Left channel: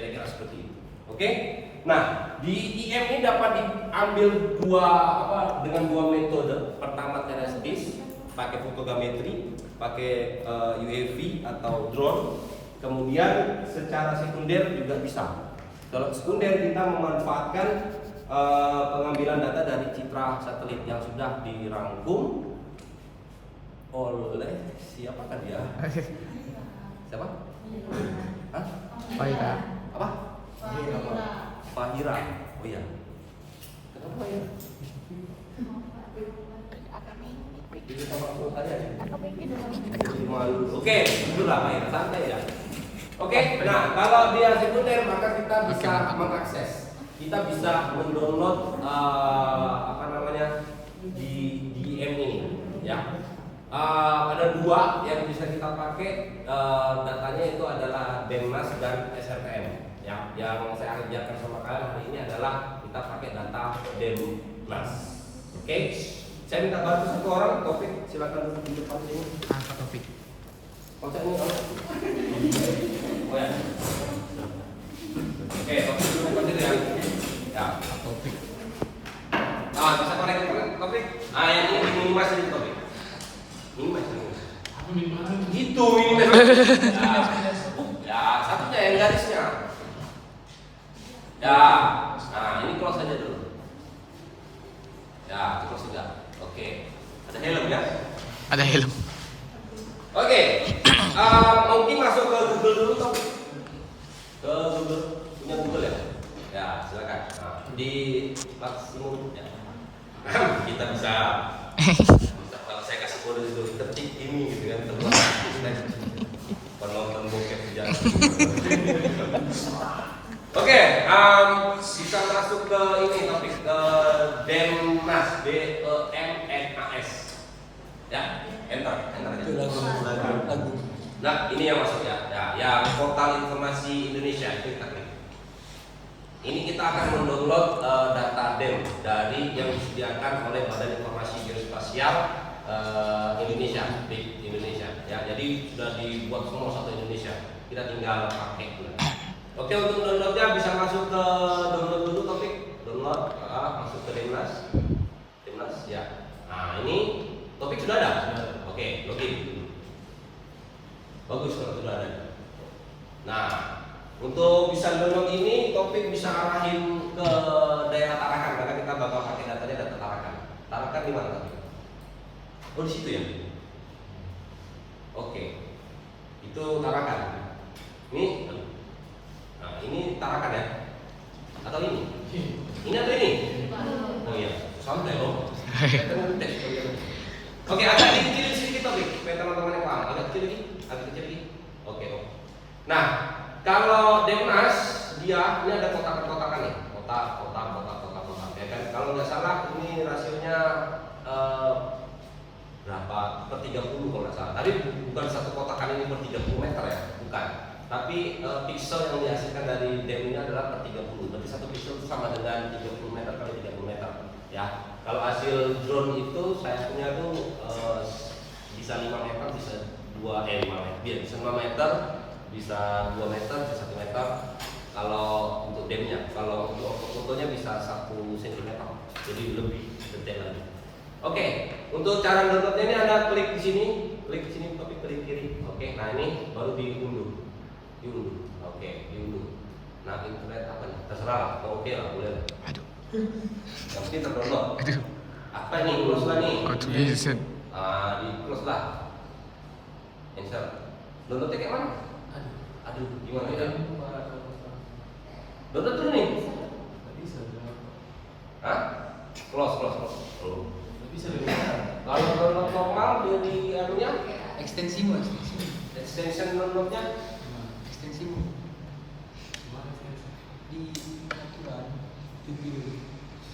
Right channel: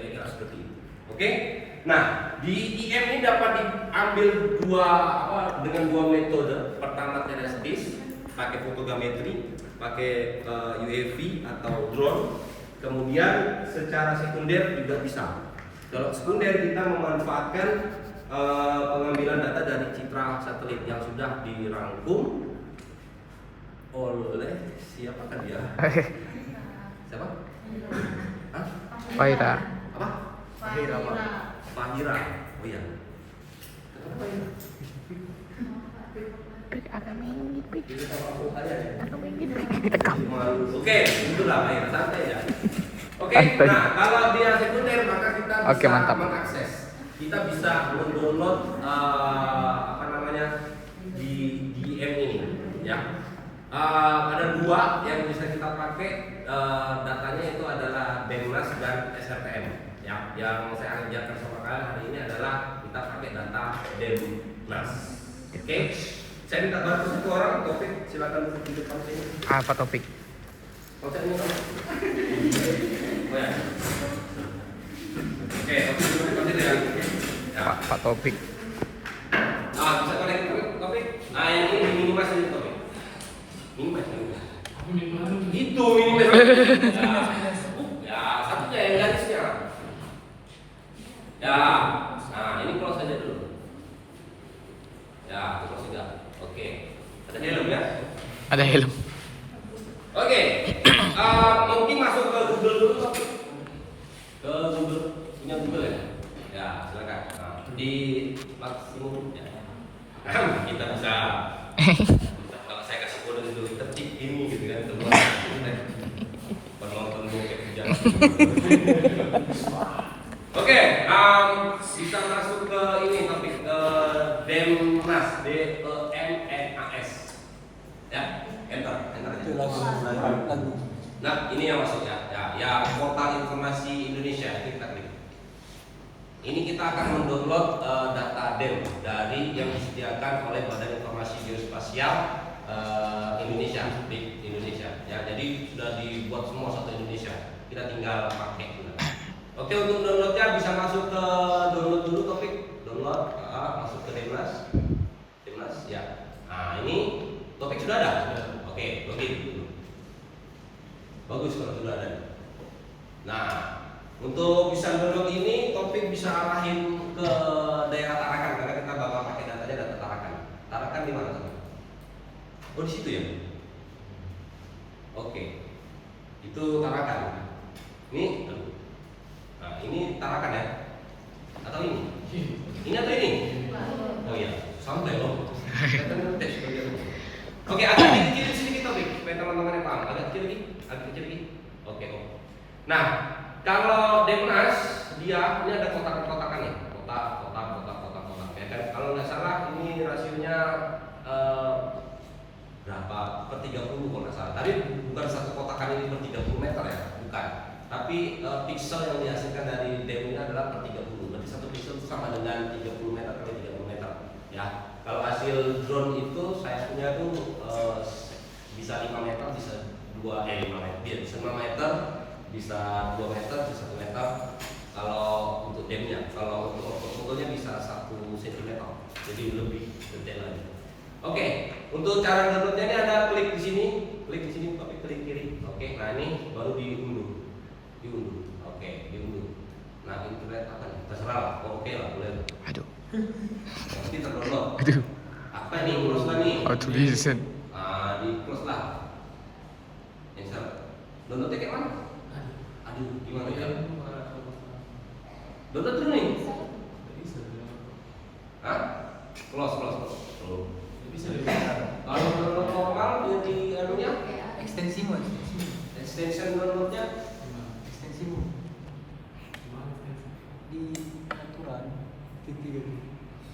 kira-kira seperti itu. Oke. Nah, di IM ini dapat diambil dengan dua metode. Pertama terestis, pakai fotogrametri, pakai UAV atau drone. Kemudian secara sekunder juga bisa. Kalau sekunder kita memanfaatkan pengambilan data dari citra satelit yang sudah dirangkum oleh siapa kan dia? Siapa? Hah? Fahira. Apa? Fahira. Oh iya. Kenapa ya? Ini sama aku saya ya. Oke, itulah Fahira, santai ya. Oke, nah kalau dia sekunder maka kita bisa mengakses. Kita bisa mendownload di DM ini, ya. Ada dua yang bisa kita pakai, datanya itu adalah Denmas dan SRTM. Ya, yang saya ajarkan sama kalian hari ini adalah kita pakai data Denmas. Oke, saya minta bantu satu orang, Topik, silakan duduk di depan sini. Apa topik? Oh, ya. Oke, Topik duduk di depan sini ya. Ya. Pak Topik. Bisa konek Topik. Yang ini minum mas itu Topik. Minum mas. Itu minum mas. Ya, satunya yang garisnya. Ya, nah ini close saja dulu. Ya, close saja. Oke. Ada helm ya? Ada helm. Oke. Mungkin masuk ke Google dulu Topik. Ke Google, punya Google ya? Ya, silakan. Di maksimum ya. Kita bisa kalau saya kasih kode itu ketik ini gitu kan keluar penonton bokep di jalan. Oke, bisa masuk ke ini topik Denmas, DEMNAS. Ya, enter itu lagu. Nah, ini yang masuknya. Ya, portal informasi Indonesia itu kita klik. Ini kita akan mendownload data DEM dari yang disediakan oleh Badan Informasi Geospasial Indonesia di Indonesia. Ya, jadi sudah dibuat semua satu Indonesia. Kita tinggal pakai. Oke, untuk downloadnya bisa masuk ke download dulu Topik. Download, masuk ke Denmas. Denmas, ya. Nah, ini Topik sudah ada. Oke, login dulu. Bagus kalau sudah ada. Nah, untuk bisa download ini, Topik bisa arahin ke daerah Tarakan karena kita bakal pakai datanya data Tarakan. Tarakan di mana Topik? Oh, di situ ya. Oke, itu Tarakan. Ini Tarakan ya? Atau ini? Ini atau ini? Oh iya, santai dong. Oke, agak kecil di sini Topik. Supaya teman-teman yang paham. Agak kecil lagi. Oke. Nah, kalau Denmas dia ini ada kotak-kotakan nih, kotak. Ya kan? Kalau nggak salah ini rasionya berapa? Per 30 kalau nggak salah. Tadi bukan satu kotakan ini per 30 meter ya, bukan. Tapi pixel yang dihasilkan dari DEM ini adalah per 30. Berarti satu pixel itu sama dengan 30 meter kali 30 meter. Ya. Kalau hasil drone itu saya punya tuh bisa 5 meter, bisa 5 meter, bisa 5 meter. Bisa 2 meter, bisa 1 meter. Kalau untuk DEM-nya, kalau untuk fotonya bisa 1 cm. Jadi lebih detail lagi. Oke, untuk cara downloadnya ini ada klik di sini, tapi klik kiri. Oke, nah ini baru diunduh. Oke, diunduh. Nah, internet apa nih? Terserah. Oke lah, boleh. Aduh. Oke, terdownload. Aduh. Apa nih? Close lah nih. How to listen. Di close lah. Enter. Downloadnya kayak mana? Aduh, gimana ya? Download dulu nih. Hah? Close. Oh. Kalau download normal dia di anunya extension downloadnya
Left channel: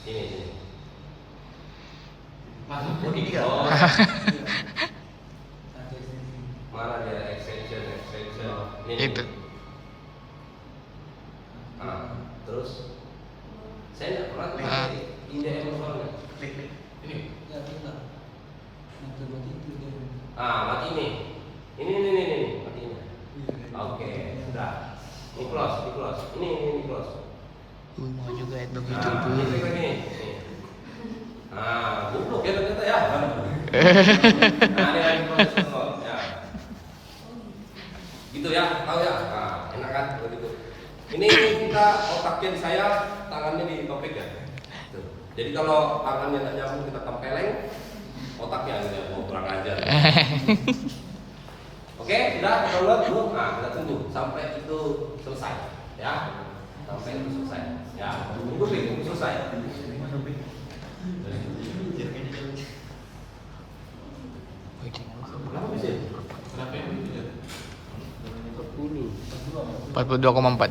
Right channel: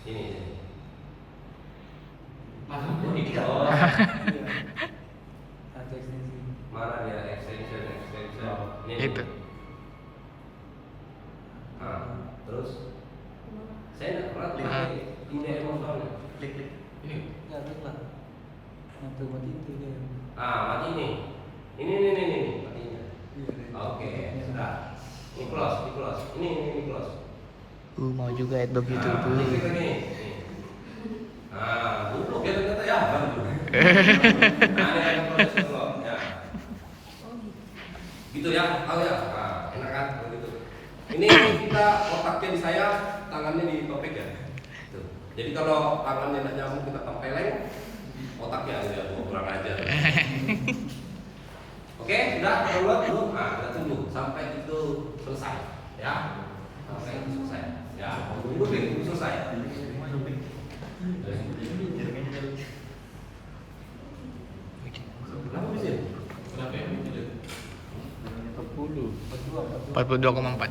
ini. Mana dia? Mana dia extension? Itu. Terus saya nggak pernah klik ini emosionalnya. Klik ini. Mati ini. Ini matinya. Ini close, ini close. Ini close. Mau juga ya begitu Nah, tuh. ini lagi. Nah, duduk ya ternyata ya. Nah, ini yang close kok. Ya. Gitu ya, tahu ya? Nah, enak kan begitu. Ini kita otaknya di saya, tangannya di topik ya. Tuh. Jadi kalau tangannya tidak nyambung kita tempeleng, otaknya aja mau kurang ajar. Oke, sudah kalau belum, nah kita tunggu sampai itu selesai, ya, sampai itu selesai, ya, tunggu itu selesai. Berapa sih? Berapa ya? 42,4.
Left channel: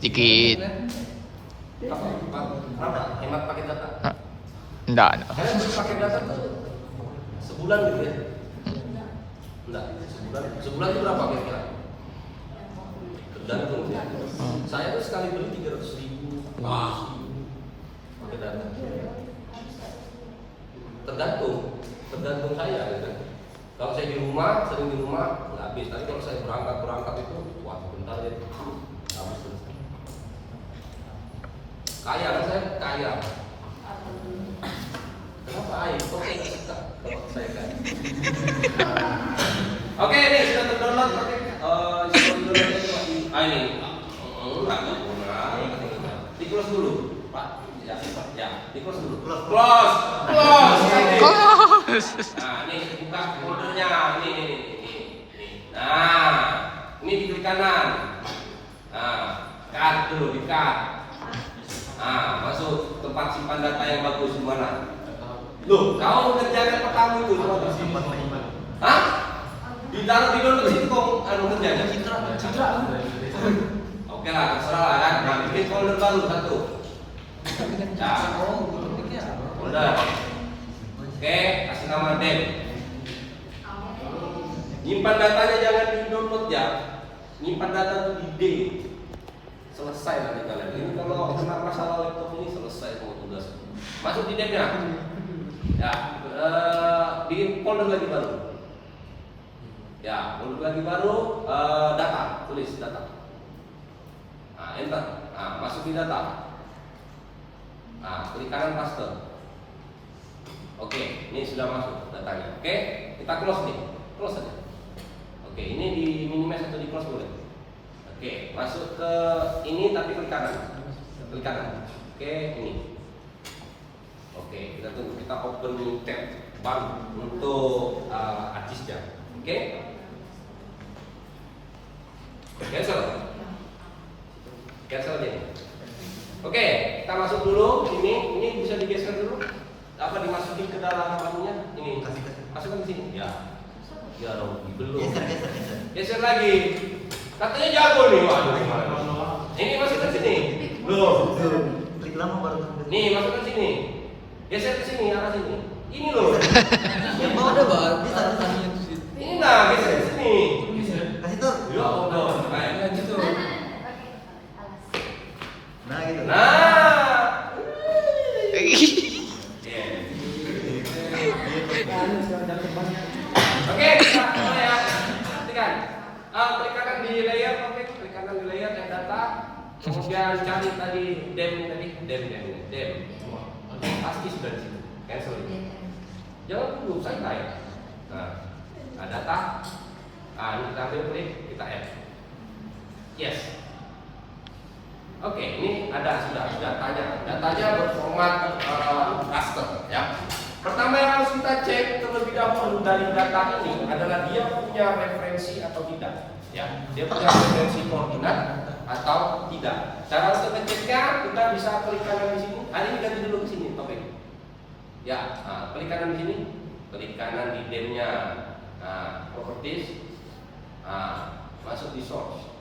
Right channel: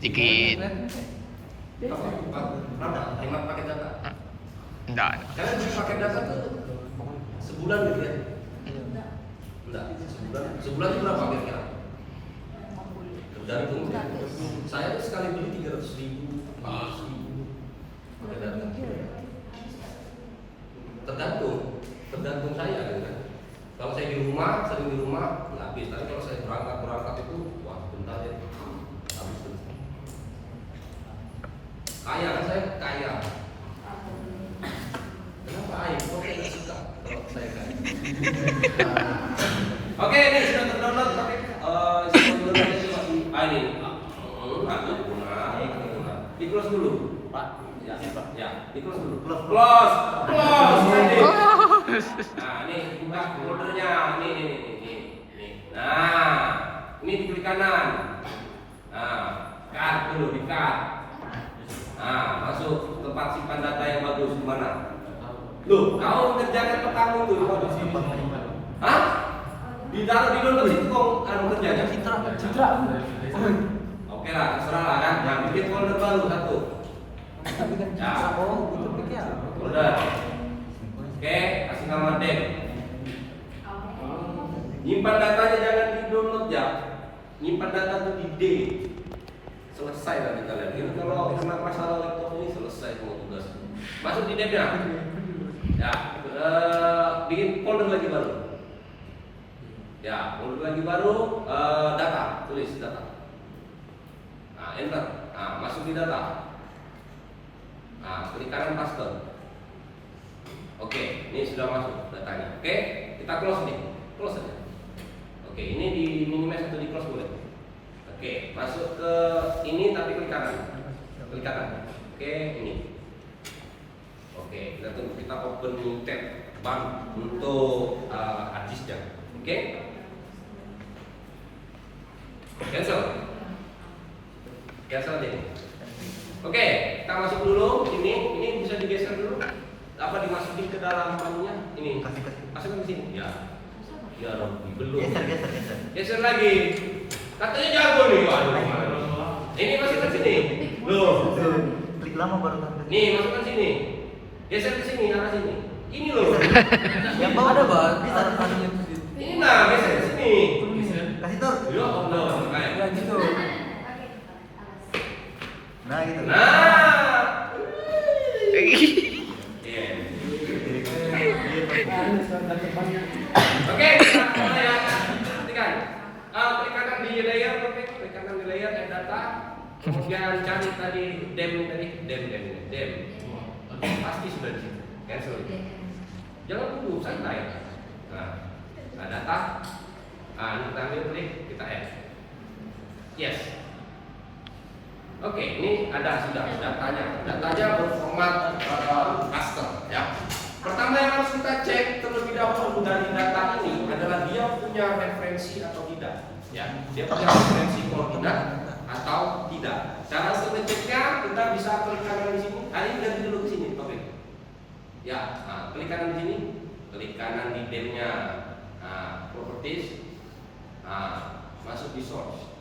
Dikit. Berapa? Hemat pakai data? Ah, enggak. Kalian bisa pakai data sebulan gitu ya? Enggak, sebulan itu berapa kira-kira? Dari saya tuh sekali beli 300.000. Pakai data. Tergantung saya gitu. Kalau saya di rumah, sering di rumah, nggak habis. Tapi kalau saya berangkat itu, wah bentar ya, habis terus. Kaya, saya kaya. Kenapa air? Kok saya nggak suka kalau saya kaya? Oke, ini sudah terdownload. Sudah terdownload itu lagi. Ini, enggak guna. Di close dulu, Pak. Ya, di close dulu. Close. Nah, ini buka foldernya. Ini. Nah, ini di kiri kanan. Nah, cut dulu, di cut. Nah, masuk tempat simpan data yang bagus di mana? Loh, kau kerjakan pertama itu tempat mana? Hah? Ditaruh di dalam situ kau kerjanya citra. Oke lah, terserah lah kan. Nah, pilih folder baru satu. Nah, folder. Oke, kasih nama Dem. Nyimpan datanya jangan di download ya. Nyimpan data itu di D. Selesai nanti kalian. Ini kalau kena masalah laptop ini selesai semua tugas. Masuk di Dem ya. Ya, bikin folder lagi baru. Ya, folder lagi baru, data, tulis data. Nah, enter. Nah, masuk di data. Nah, klik kanan paste. Oke, ini sudah masuk datanya. Oke, kita close nih, close aja. Oke, ini di minimize atau di close boleh. Oke, masuk ke ini tapi klik kanan. Klik kanan. Oke, ini. Oke, kita tunggu, kita open new tab baru untuk artisnya. Oke, cancel ini. Oke, kita masuk dulu ini bisa digeser dulu. Apa dimasukin ke dalam anunya? Ini masukkan ke sini. Ya, ya dong, belum. Geser lagi. Katanya jago nih, waduh. Ini masukkan sini. Loh, klik lama baru tampil. nih masukkan sini. Geser ke sini, arah sini. Ini loh. Yang bawah ada bang, bisa. Ini enggak, geser ke sini. Kasih tur. Ya Allah, kayak gitu. Nah gitu. Nah. Oke, kita mulai ya. Perhatikan. Klik kanan di layer, klik kanan di layer yang data. Kemudian cari tadi dem. Pasti sudah di situ. Cancel. Jangan dulu santai. Nah, data. Ini kita ambil klik, kita add. Yes. Oke, ini ada sudah datanya. Datanya berformat raster ya. Pertama yang harus kita cek terlebih dahulu dari data ini adalah dia punya referensi atau tidak. Ya, dia punya referensi koordinat atau tidak. Cara untuk ngeceknya kita bisa klik kanan di sini. Ini ganti dulu ke sini, topik. Ya, klik kanan di sini, klik kanan di demnya, properties, masuk di source.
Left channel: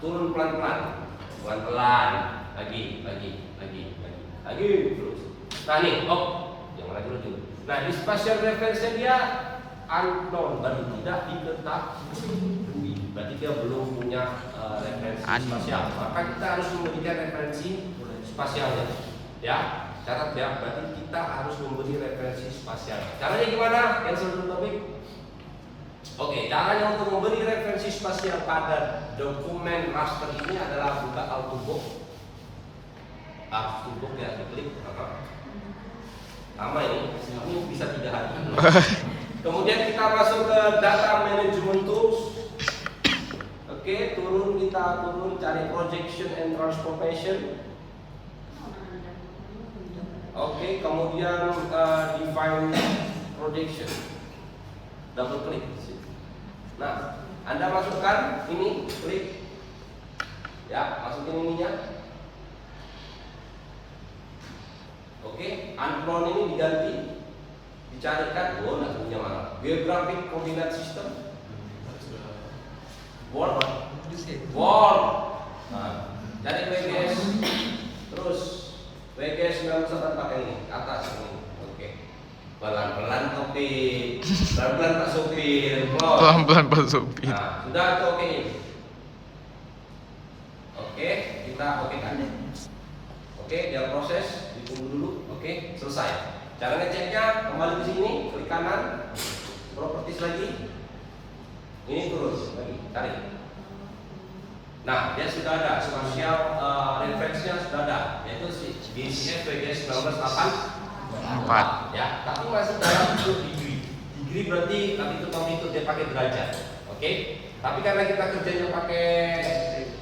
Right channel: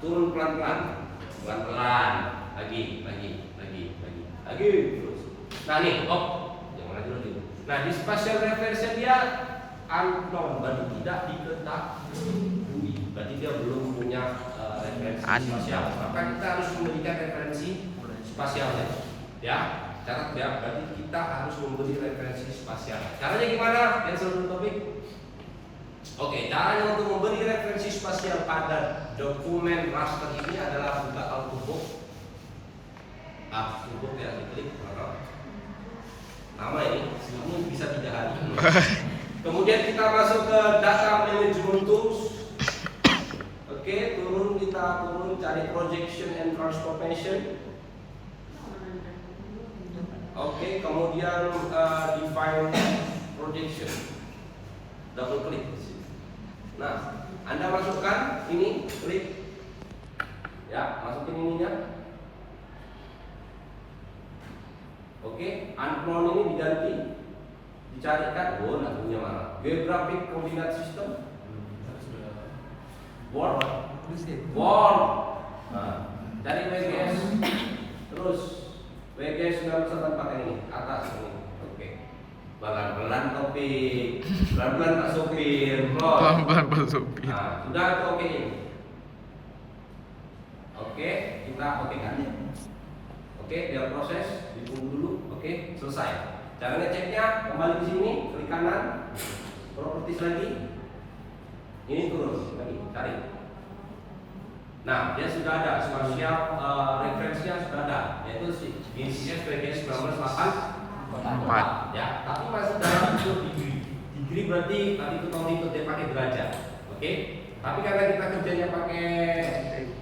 Turun pelan-pelan, lagi terus. Nah nih, jangan lagi. Nah di spatial reference dia unknown, baru tidak diketahui. Berarti dia belum punya referensi spasial. Maka kita harus memberikan referensi spasial, ya. Syarat ya, berarti kita harus memberi referensi spasial. Caranya gimana? Yang sebelum topik. Oke, caranya untuk memberi referensi spasial pada dokumen raster ini adalah buka Autobook. Autobook ya, diklik. Nama ini bisa 3 hari. Kemudian kita masuk ke data management tools. Oke, kita turun cari projection and transformation. Oke, kemudian define projection. Double klik di sini. Nah, Anda masukkan ini, klik. Ya, masukin ininya. Oke, unknown ini diganti. Dicarikan, nggak punya mana. Geographic Coordinate System. Word. Nah, cari WGS. Terus WGS nggak usah pakai ini, atas ini. Oke. Pelan-pelan kopi, pelan-pelan Pak Supir, Pelan-pelan Pak Supir. Nah, sudah itu oke. Oke, kita oke kan? Oke, dia proses, ditunggu dulu. Oke, selesai. Cara ngeceknya kembali ke sini, klik kanan, properties lagi. Ini terus lagi cari. Nah, dia sudah ada spasial referensinya sudah ada, yaitu BCF VGS 1984. Ya, tapi masuk dalam degree. Degree berarti nanti itu tahun itu dia pakai derajat. Oke? Tapi karena kita kerjanya pakai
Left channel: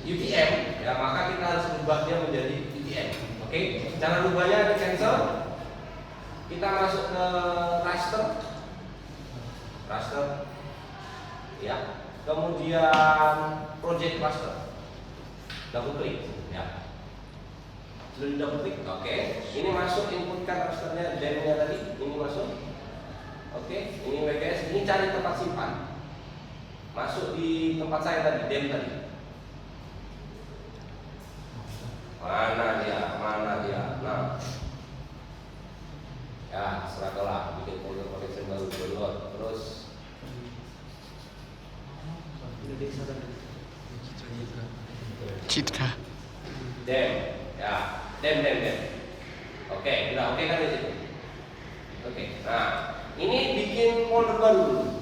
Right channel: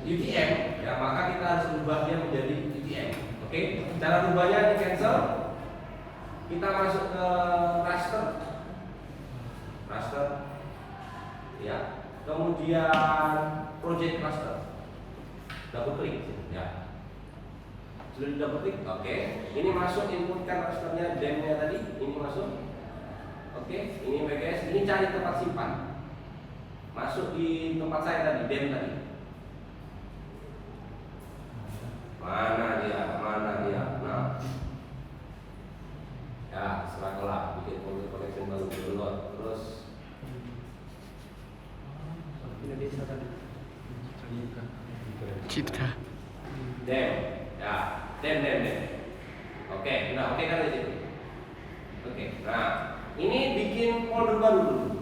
UTM, ya maka kita harus ubahnya menjadi UTM. Oke? Cara ubahnya di cancel. Kita masuk ke raster. Raster. Ya. Kemudian project raster. Double klik. Ya. Sudah di double klik. Oke. Ini masuk inputkan rasternya DEM-nya tadi. Ini masuk. Oke. Ini WGS. Ini cari tempat simpan. Masuk di tempat saya tadi, DEM tadi. Mana dia? Nah. Ya, serahkanlah bikin folder connection baru download. Terus Citra. DEM. Ya, DEM. Oke, udah oke kan di situ. Oke. Nah, ini bikin folder baru.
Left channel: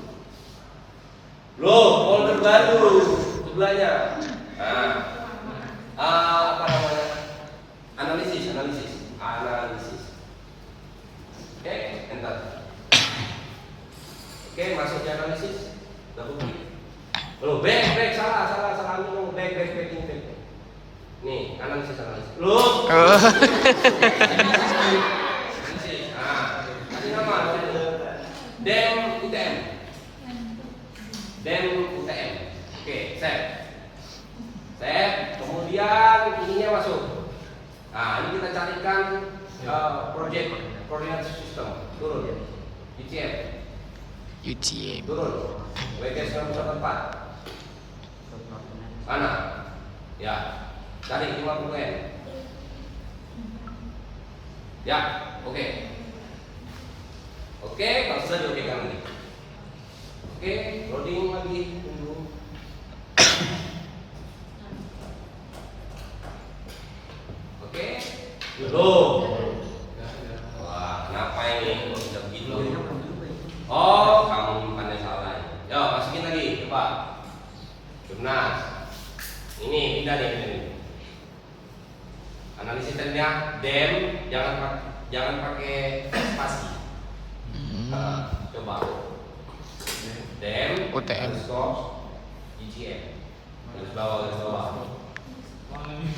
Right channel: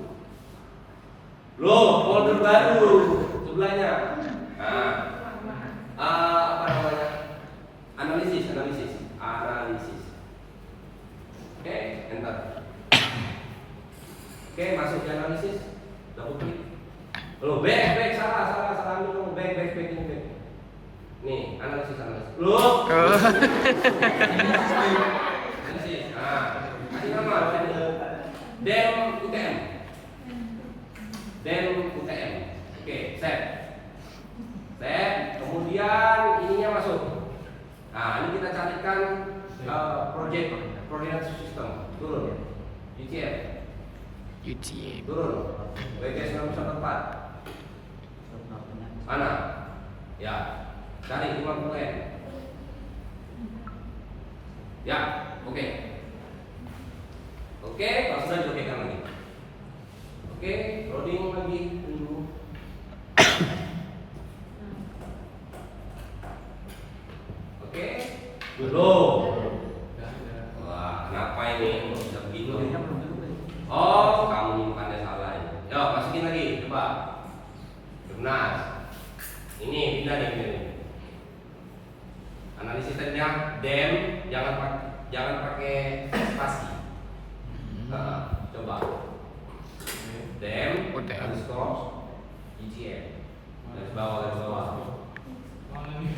Loh, folder baru sebelahnya. Nah, apa namanya? Analisis. Oke, enter. Oke, masuk di analisis. Double klik. Loh, back, salah dulu, back ini. Nih, analisis. Loh. Analisis. Nah, kasih nama DEM UTM. Oke, save. Kemudian ininya masuk. Nah, ini kita carikan project coordinate system. Turun. UTM. Turun. WGS 4. Mana? Ya. Cari 50M. Ya, oke. Oke, langsung saja oke kamu nih. Oke, loading lagi dulu. Oke. Belum. Wah, kenapa ini kok bisa begitu? Oh, kamu nyimpannya salah ini. Ya, masukin lagi, coba. Jumnas. Ini pindah nih. Analisis nya DEM, jangan pakai spasi. Coba. DEM UTM. UTM. Garis bawah. Mana ini?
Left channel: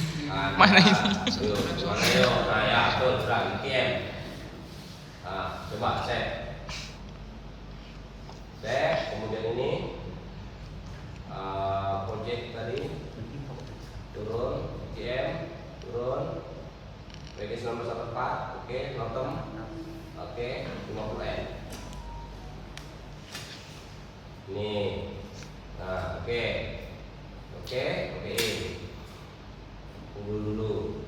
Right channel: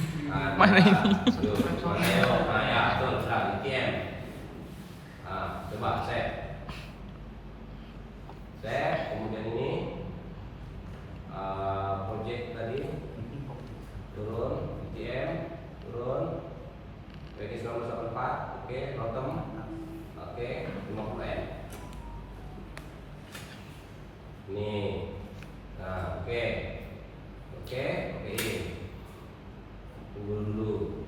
Mana ya? Betul, UTM. Coba set. Kemudian ini project tadi turun, UTM turun, WGS 1984, oke, bottom, oke, 50M. Ini, nah, oke, tunggu dulu.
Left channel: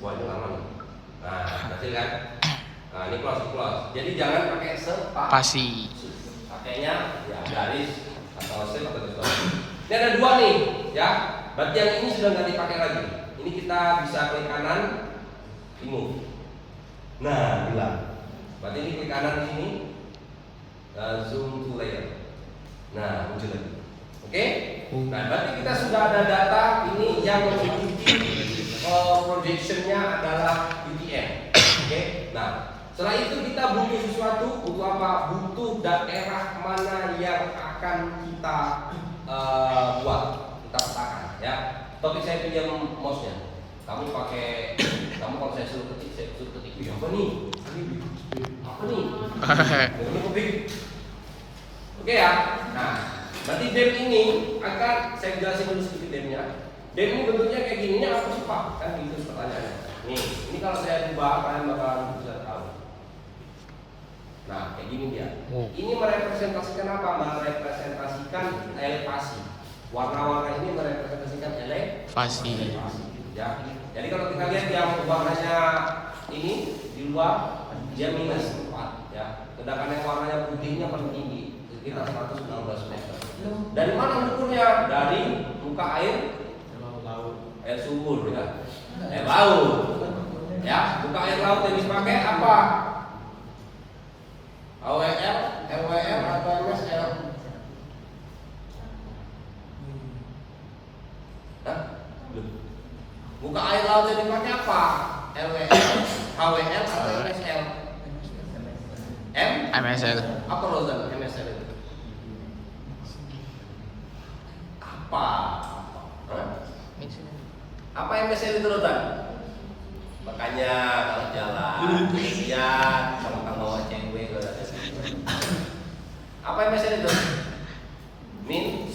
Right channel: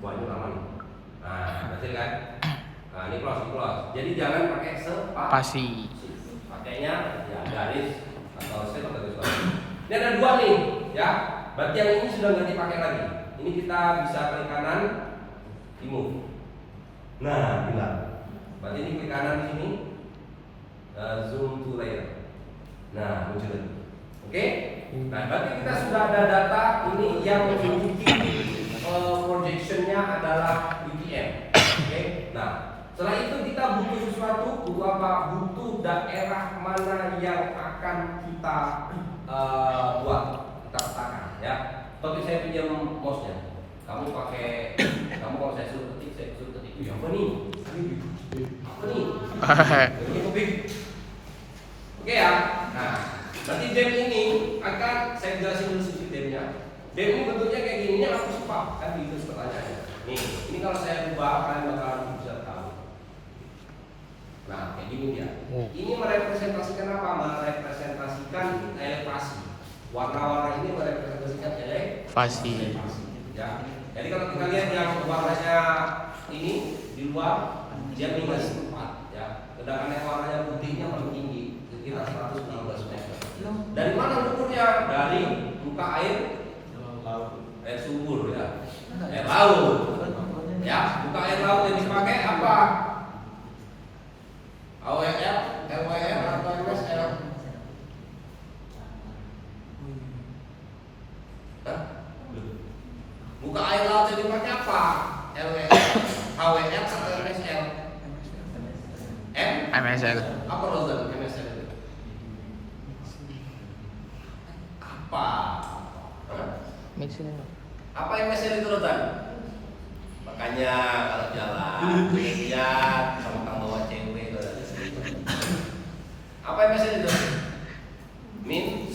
Wah, itu aman. Nah, berhasil kan? Nah, ini close. Jadi jangan pakai Pasi. pakainya ya garis atau step atau garis. Ini ada 2 nih, ya. Berarti yang ini sudah nggak dipakai lagi. Ini kita bisa klik kanan, remove. Nah, hilang. Berarti ini klik kanan di sini. Zoom to layer. Nah, muncul lagi. Oke? Nah, berarti kita sudah ada data ini yang memiliki projectionnya adalah UTM. Oke? Nah, setelah itu kita butuh sesuatu, butuh apa? Butuh daerah mana yang akan kita buat, kita petakan, ya. Topik saya pinjam mouse-nya. Kamu kalau saya suruh ketik apa nih? Apa nih? Oke ya. Nah, nanti DEM ini akan saya jelasin dulu sedikit DEM-nya. DEM ini bentuknya kayak gini, ini apa cepat kan gitu pertanyaannya. Nih, ini kalau saya ubah kalian bakal bisa tahu. Nah, kayak gini dia. Ini merepresentasikan apa? Merepresentasikan elevasi. Warna-warna ini merepresentasikan Elevasi. Ya. Jadi kalau kita lihat yang warnanya ini di luar dia minus 4 ya. Sedangkan yang warnanya putihnya paling tinggi sekitar 116 meter. Dari mana ukurnya? Dari muka air sumur ya. Laut. Ya, muka air laut yang dipakai apa? AWL, LWL atau MSL? Muka air laut yang dipakai apa? LWL, HWL atau MSL? MSL. Apa Rozal MSL itu? Apa? Apa MSL itu Rozal? Makanya kalau jalan, lihat kalau bawa cewek ke apa MSL itu? Min,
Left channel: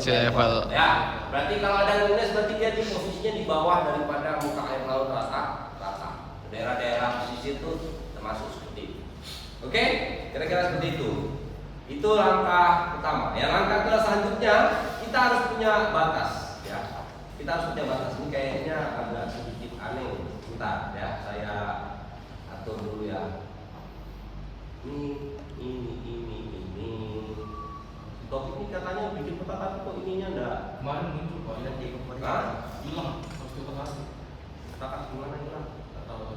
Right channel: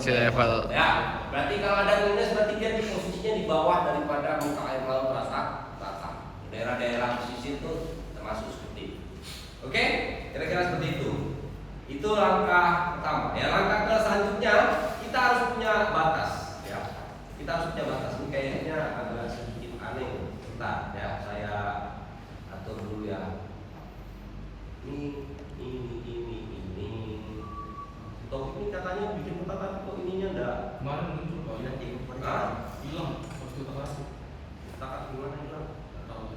Level. Ya, berarti kalau ada minus berarti dia di posisinya di bawah daripada muka air laut rata. Daerah-daerah pesisir itu termasuk seperti itu. Oke, kira-kira seperti itu. Itu langkah pertama. Ya, langkah ke selanjutnya kita harus punya batas. Ya, kita harus punya batas. Ini kayaknya agak sedikit aneh. Bentar, ya, saya atur dulu ya. Ini. Topik ini katanya bikin peta tapi kok ininya enggak? Kemarin muncul Pak. Tidak dikompres. Hilang waktu tengah. Peta gimana hilang? Nggak tahu.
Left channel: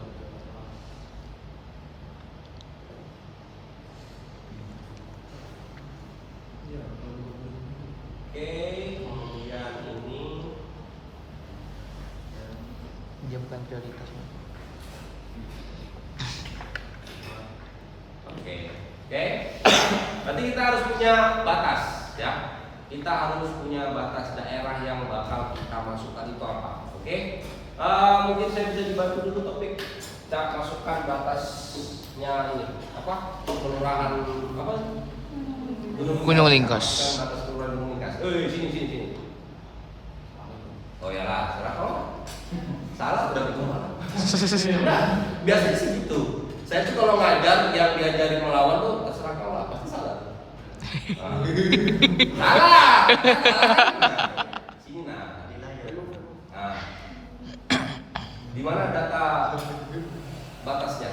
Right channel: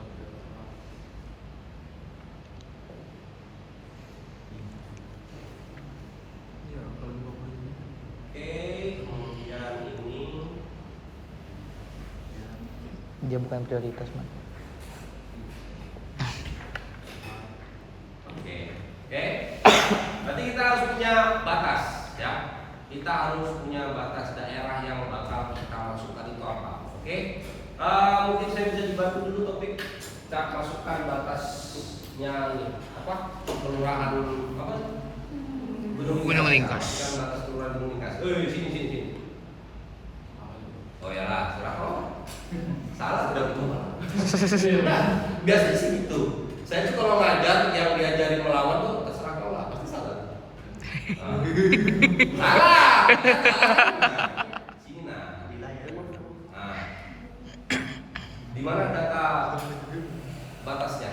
Oke, kemudian ini Dia bukan prioritas. Oke. Berarti kita harus punya batas, ya. Kita harus punya batas daerah yang bakal kita masukkan itu apa. Oke. Mungkin saya bisa dibantu dulu topik kita masukkan batasnya ini apa? Kelurahan apa? Gunung Lingkas. Batas kelurahan Gunung Lingkas. Sini. Oh ya lah, serah kamu. Salah udah biasanya sih gitu. Saya juga kalau ngajar yang diajarin melawan tuh terserah kau lah, pasti salah. Salah. Sini nah. Nah, di mana data batasnya?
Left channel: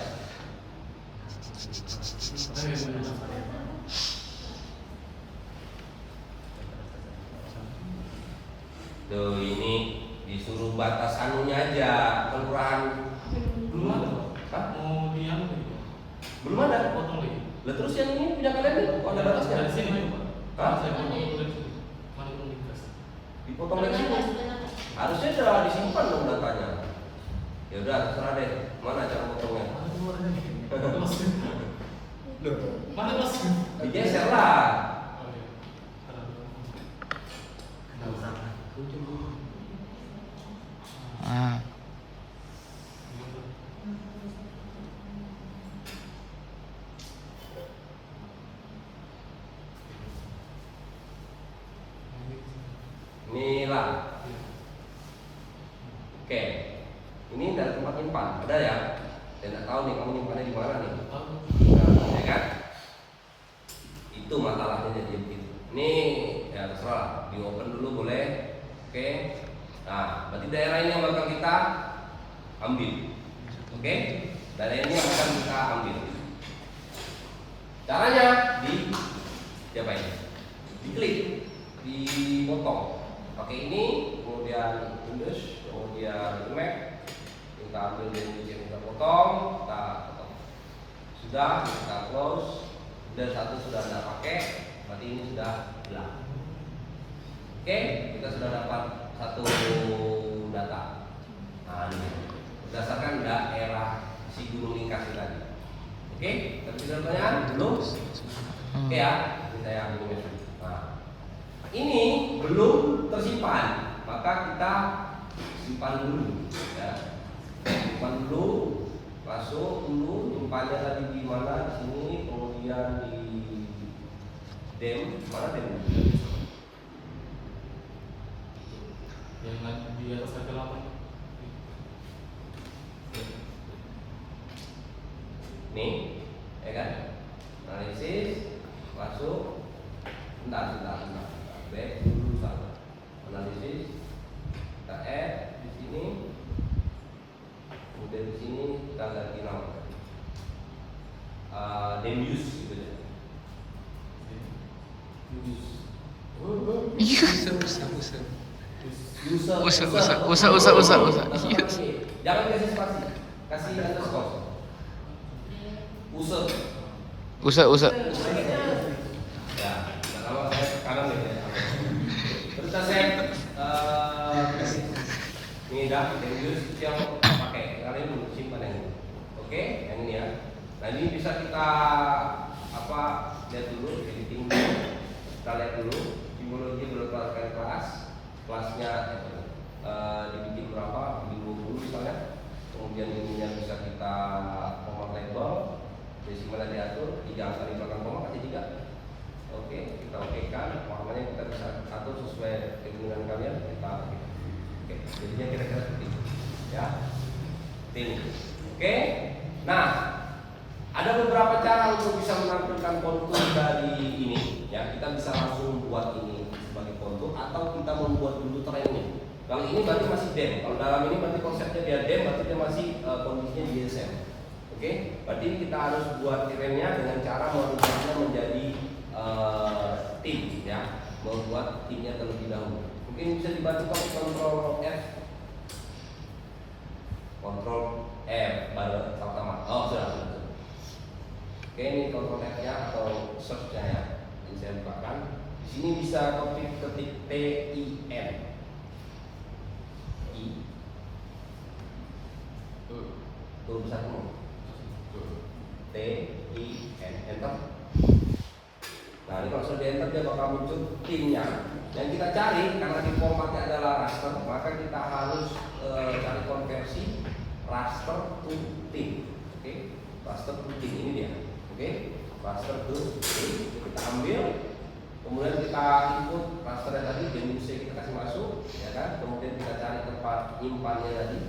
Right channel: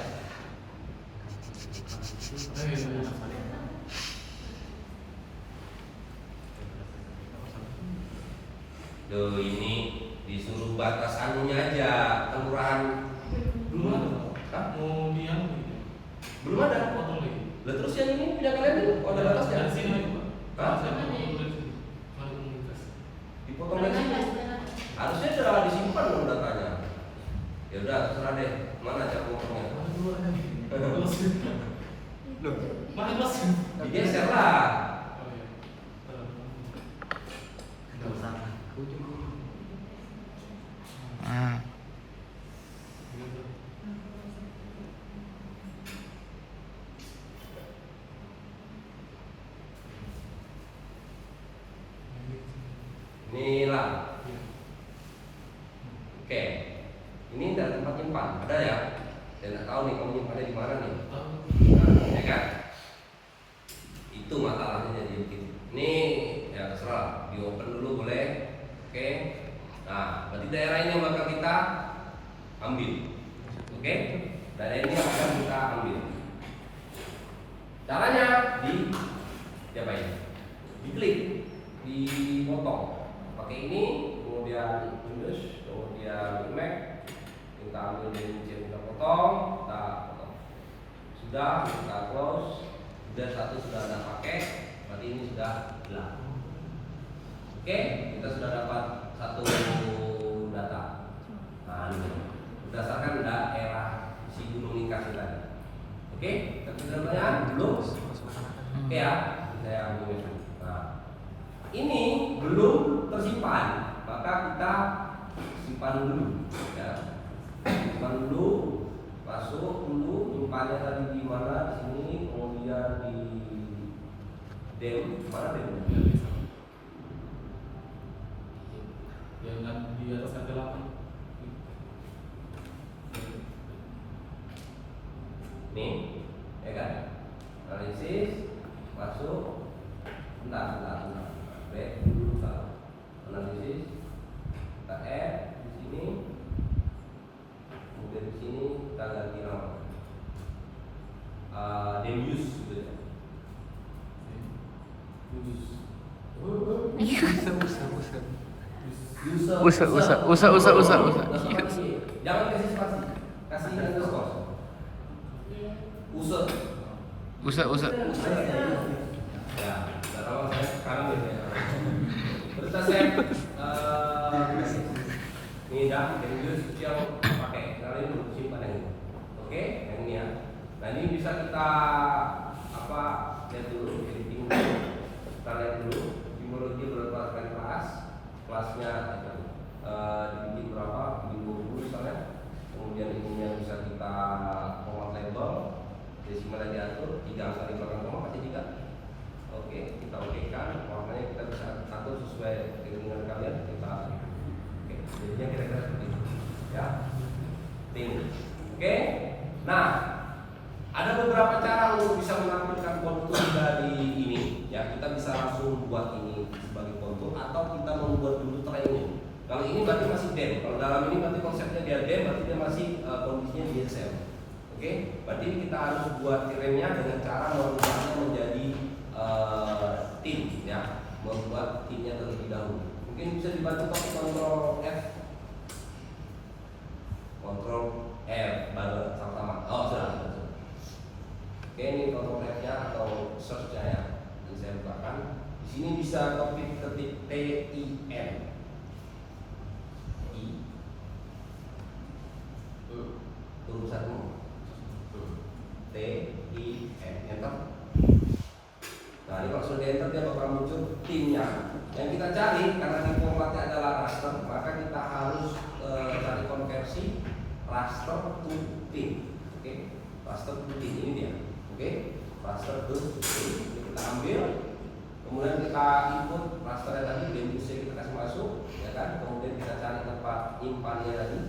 Tuh ini disuruh batas anunya aja, kelurahan Belum ada. Hah? Mau diang Belum ada. potong lagi. Lah terus yang ini pindah kalian itu ada batasnya? Dari sini Pak. Hah? Saya mau potong dari situ. Mari komunitas. Dipotong dari sini. Harusnya sudah disimpan dong datanya. Ya udah terserah deh. Mana cara potongnya? Mana Mas? Digeser lah. Oh, iya. Nggak usah. Ah. Inilah. Oke. Ini dari tempat nyimpan. Ada ya? Saya nggak tahu nih kamu nyimpannya di mana nih. Nah, ya kan? Itu masalahnya jadi begitu. Ini ya terserah. Di open dulu boleh. Oke. Nah, berarti daerah ini yang bakal kita ambil. Oke? Daerah ini yang akan kita ambil. Caranya apa ini? Diklik, dipotong. Pakai ini, kemudian Windows, kemudian Mac. Kita ambil dari kita potong, kita Udah satu sudah Anda pakai, berarti ini sudah hilang. Oke, kita sudah dapat satu data. Nah, ini berdasarkan daerah si gunung lingkar tadi. Oke, tapi sudah pertanyaan belum? Oke ya, saya ambil. Nah, ini belum tersimpan, maka kita simpan dulu. Ya. Simpan dulu, masuk dulu, nyimpannya tadi di mana? Di sini, kemudian di mana dem? Yang di atas harga 8. Nih, ya kan? Analisis, masuk, bentar. Back dulu, analisis, kita add di sini, kemudian di sini kita ganti nama, then use gitu ya. Usa. Jangan kasih spasi, kasih underscore. Usa. Ya, kalau sekarang beda. Terus saya mengidap dan use yang pakai karena ini simpan yang ini. Oke, yang ini ya. Nah ini bisa kita lihat dulu editing. Kita lihat dulu simbologi berdasarkan kelasnya dibikin berapa, bikin dulu misalnya. Kemudian ininya bisa kita nomor label, desimalnya diatur, 3 angka di belakang koma pasti 3. Oke, kita okekan, makanya kita bisa atur sesuai keinginan kalian. Kita oke, jadinya kira-kira seperti itu, ya. Tim. Oke, nah ada beberapa cara untuk bisa menampilkan kontur dari ini. Ya, kita bisa langsung buat ini sebagai kontur atau kita membuat dulu tren ini. Kalau ini berarti masih dem. Kalau dalam ini berarti konsepnya dia dem, berarti dia masih kondisinya di DSM. Oke, berarti kita harus buat trennya dengan cara merubahnya menjadi tim, ya, membuat timnya terlebih dahulu. Mungkin bisa dibantu pakai Ctrl F, Ctrl F baru pertama. Oh sudah. Oke, ini Ctrl F-nya atau search-nya ya. Ini saya bukakan. Di sini bisa copy ketik TIN. Tulisanmu TIN, enter. Nah ini kalau sudah enter dia bakal muncul timnya. Yang kita cari karena tim formatnya adalah raster, maka kita harus cari konversi raster to tim. Oke, raster to tim ini dia. Oke, raster to tim kita ambil, kemudian kita input raster tadi, dan bisa kita kasih masuk, ya kan? Kemudian kita cari tempat nyimpannya tadi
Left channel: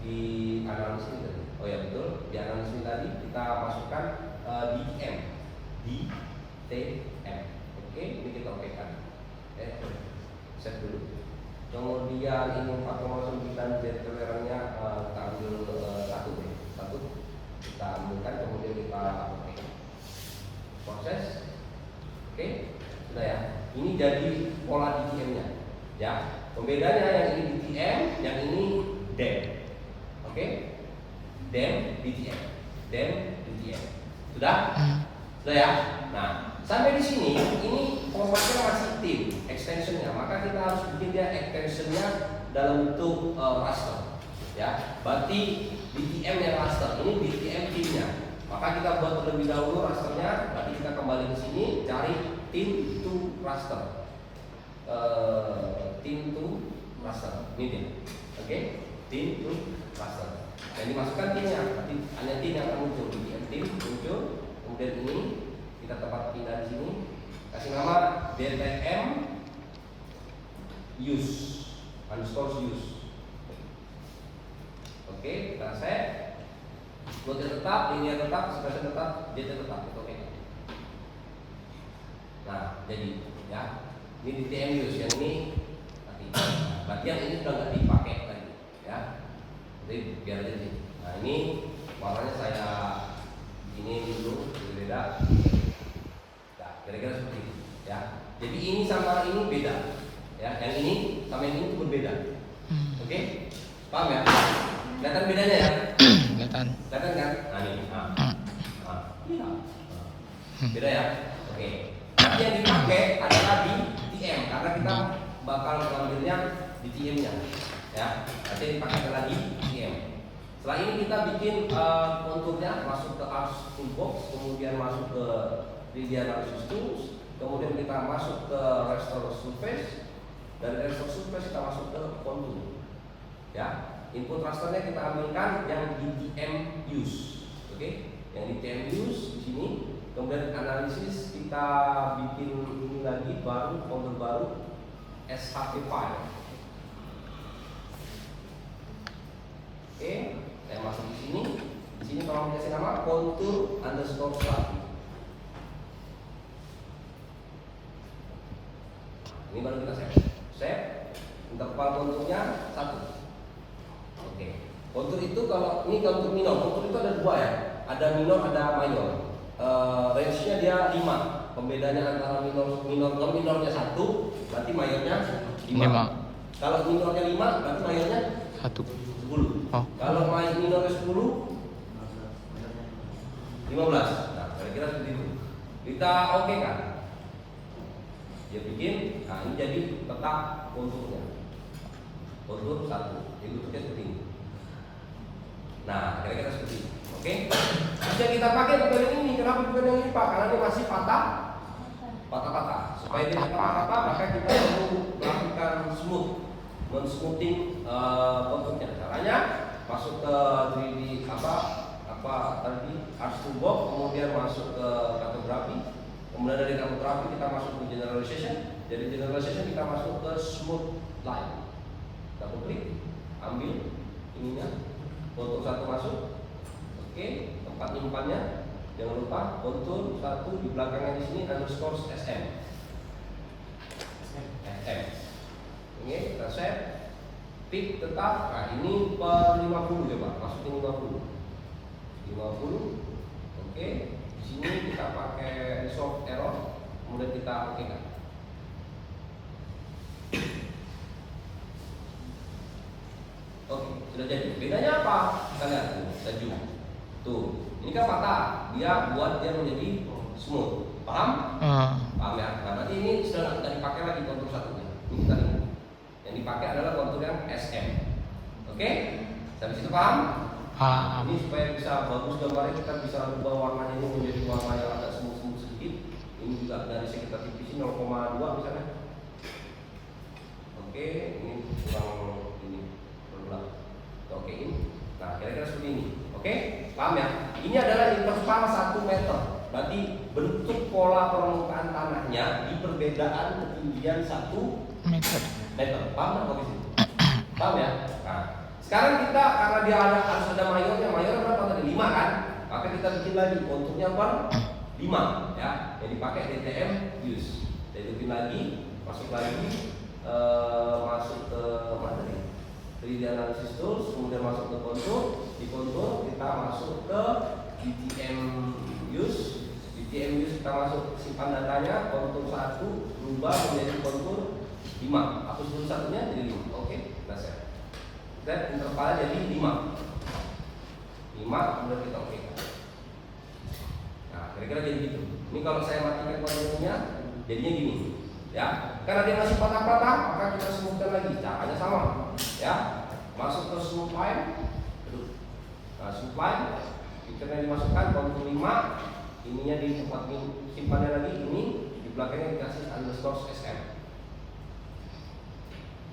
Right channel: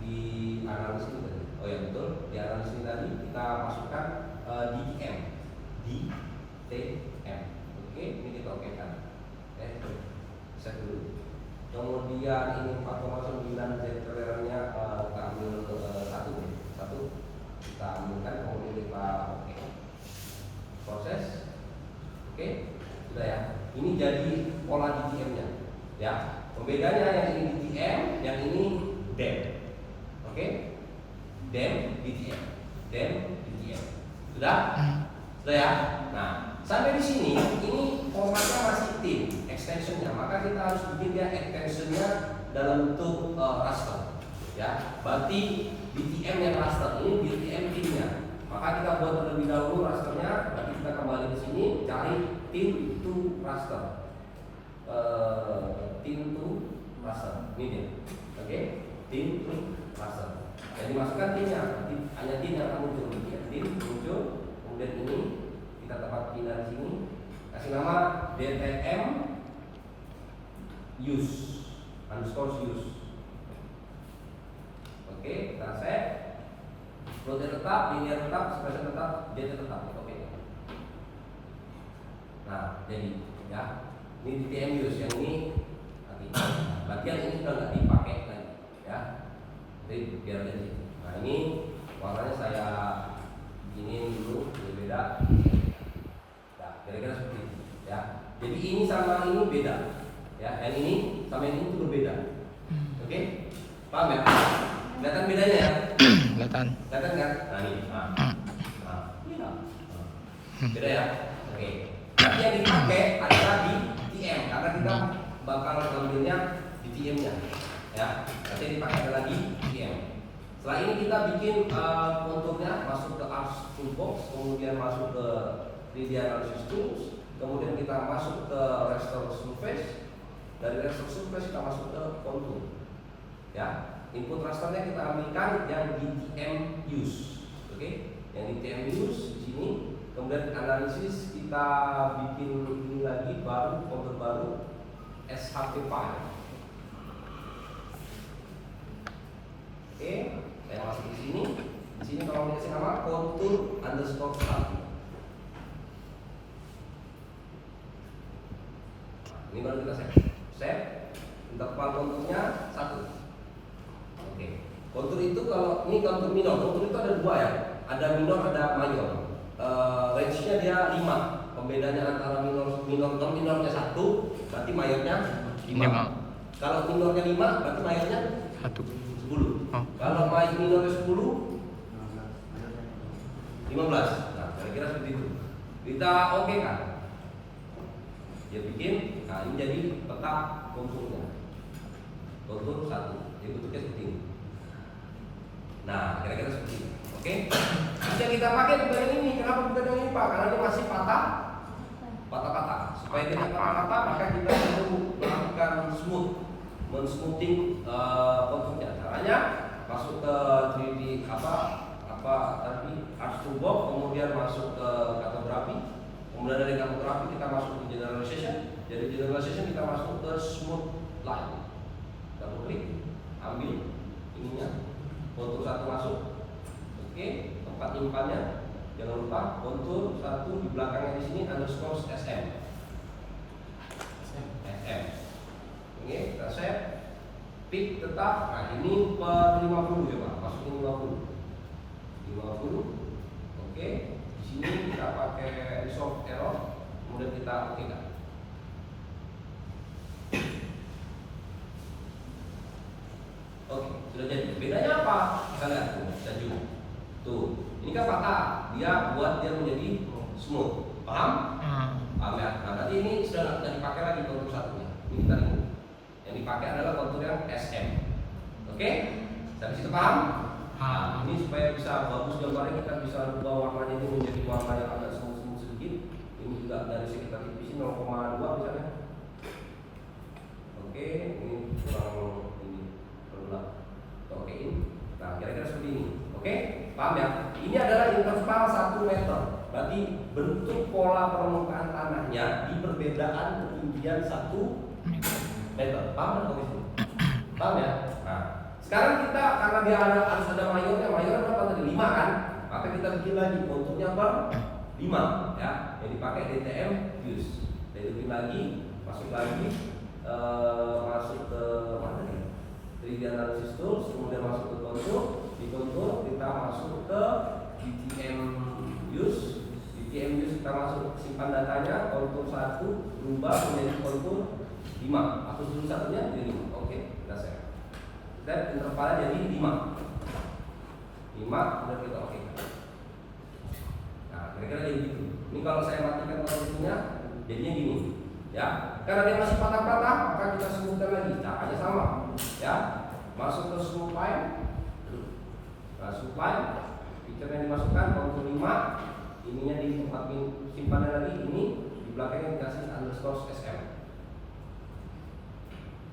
di analisis ini tadi. Oh ya betul, di analisis ini tadi kita masukkan DTM. Oke, ini kita okekan. Set dulu. Kemudian ini 4,9 Z tolerannya kita ambil satu, kita ambilkan, kemudian kita oke. Proses, oke, sudah ya. Ini jadi pola DTM-nya, ya. Pembedanya yang ini DTM, yang ini DEM. Oke, DEM, DTM, DEM, DTM. Sudah? Sudah ya? Nah, sampai di sini, ini formatnya masih tim, extensionnya. Maka kita harus bikin dia extensionnya dalam bentuk raster. Ya, berarti DTM yang raster, ini DTM timnya. Maka kita buat terlebih dahulu rasternya. Nanti kita kembali ke sini, cari tim to raster. Tim to raster, ini dia. Oke, tim to raster. Dan dimasukkan timnya, hanya tim yang akan muncul. Tim muncul, kemudian ini kita tempat pindah sini, kasih nama DTM use underscore use. Oke, kita set. Loadnya tetap, linear tetap, expression tetap, data tetap. Oke. Nah, jadi ya, ini DTM use yang ini nanti. Bagian ini sudah nggak dipakai lagi, ya. Jadi biar jadi. Nah ini warnanya saya ini dulu berbeda. Ya, kira-kira seperti ini. Ya. Jadi ini sama ini beda. Ya, yang ini sama ini itu berbeda. Oke? Paham ya? Kelihatan bedanya ya? Kelihatan. Kelihatan kan? Nah ini. Nah. Nah. Beda ya? Oke. Tapi yang dipakai adalah di TM karena kita bakal ngambilnya di TM-nya. Ya. Tapi dipakai adalah di TM. Setelah ini kita bikin konturnya masuk ke Arch Toolbox, kemudian masuk ke 3D Analysis Tools, kemudian kita masuk ke Restore Surface. Dari Restore Surface kita masuk ke kontur. Ya. Input rasternya kita ambilkan yang di TM Use. Oke? Yang di TM Use di sini. Kemudian analisis kita bikin ini lagi baru folder baru SHP file. Oke, saya masuk di sini. Di sini kalau dikasih nama kontur underscore 1. Ini baru kita save. Untuk file konturnya 1. Oke. Kontur itu kalau ini kontur minor, kontur itu ada dua ya. Ada minor, ada mayor. Range-nya dia 5. Pembedanya antara minornya 1, berarti mayornya 5. Kalau minornya 5, berarti mayornya 1. 10. Oh. Kalau minornya 10, 15. Nah, kira-kira seperti itu. Kita oke kan? Dia bikin, nah ini jadi peta konturnya. Kontur 1, jadi bentuknya seperti ini. Nah, kira-kira seperti ini. Oke, bisa kita pakai pegangan ini. Kenapa pegangan ini Pak? Karena ini masih patah. Supaya dia patah, maka kita perlu melakukan smoothing konturnya. Caranya masuk ke 3D tadi Arch Toolbox, kemudian masuk ke kartografi. Kemudian dari kartografi kita masuk ke generalization. Dari generalization kita masuk ke smooth line. Double klik, ambil ininya, kontur 1 masuk. Oke, tempat nyimpannya jangan lupa kontur 1 di belakangnya di sini underscore SM. Oke, kita save. Tip tetap. Nah ini per 50 ya Pak, masukin 50. Oke, di sini kita pakai resolve error, kemudian kita aktifkan. Oke, sudah jadi. Bedanya apa? Kita lihat tuh, tuh, ini kan patah, dia buat dia menjadi smooth. Paham? Paham ya? Nah, nanti ini sudah tidak dipakai lagi kontur 1 ya. Ini tadi yang dipakai adalah kontur yang SM. Oke? Dari situ paham? Nah, ini supaya bisa bagus gambarnya, kita bisa rubah warnanya ini menjadi warna yang agak smooth sedikit. Ini juga dari sekitar tipis 0,2 misalnya. Oke, ini kurang ini berulang. Okein. Nah, kira-kira seperti ini. Oke, paham ya? Ini adalah interval 1 meter. Berarti bentuk pola permukaan tanahnya di perbedaan ketinggian 1 meter. Paham nggak? Paham ya? Nah, sekarang kita karena dia harus ada mayornya berapa tadi? 5 kan? Maka kita bikin lagi konturnya per 5 ya. Yang dipakai DTM use. Jadi bikin lagi, masuk ke mana nih? 3D Analysis Tools, kemudian masuk ke kontur. Di kontur kita masuk ke DTM use. DTM use kita masuk simpan datanya, kontur 1 berubah menjadi kontur 5. Hapus dulu satunya jadi 5. Oke, kita save. Save intervalnya jadi 5. Kemudian kita oke. Nah, kira-kira jadi gitu. Ini kalau saya matikan proyeknya, jadinya gini. Ya, karena dia masih patah-patah, maka kita smoothkan lagi. Caranya sama. Ya, masuk ke smooth line. Nah, smooth line, picture yang dimasukkan kontur 5. Ininya di tempat simpannya lagi, ini di belakangnya dikasih underscore SM.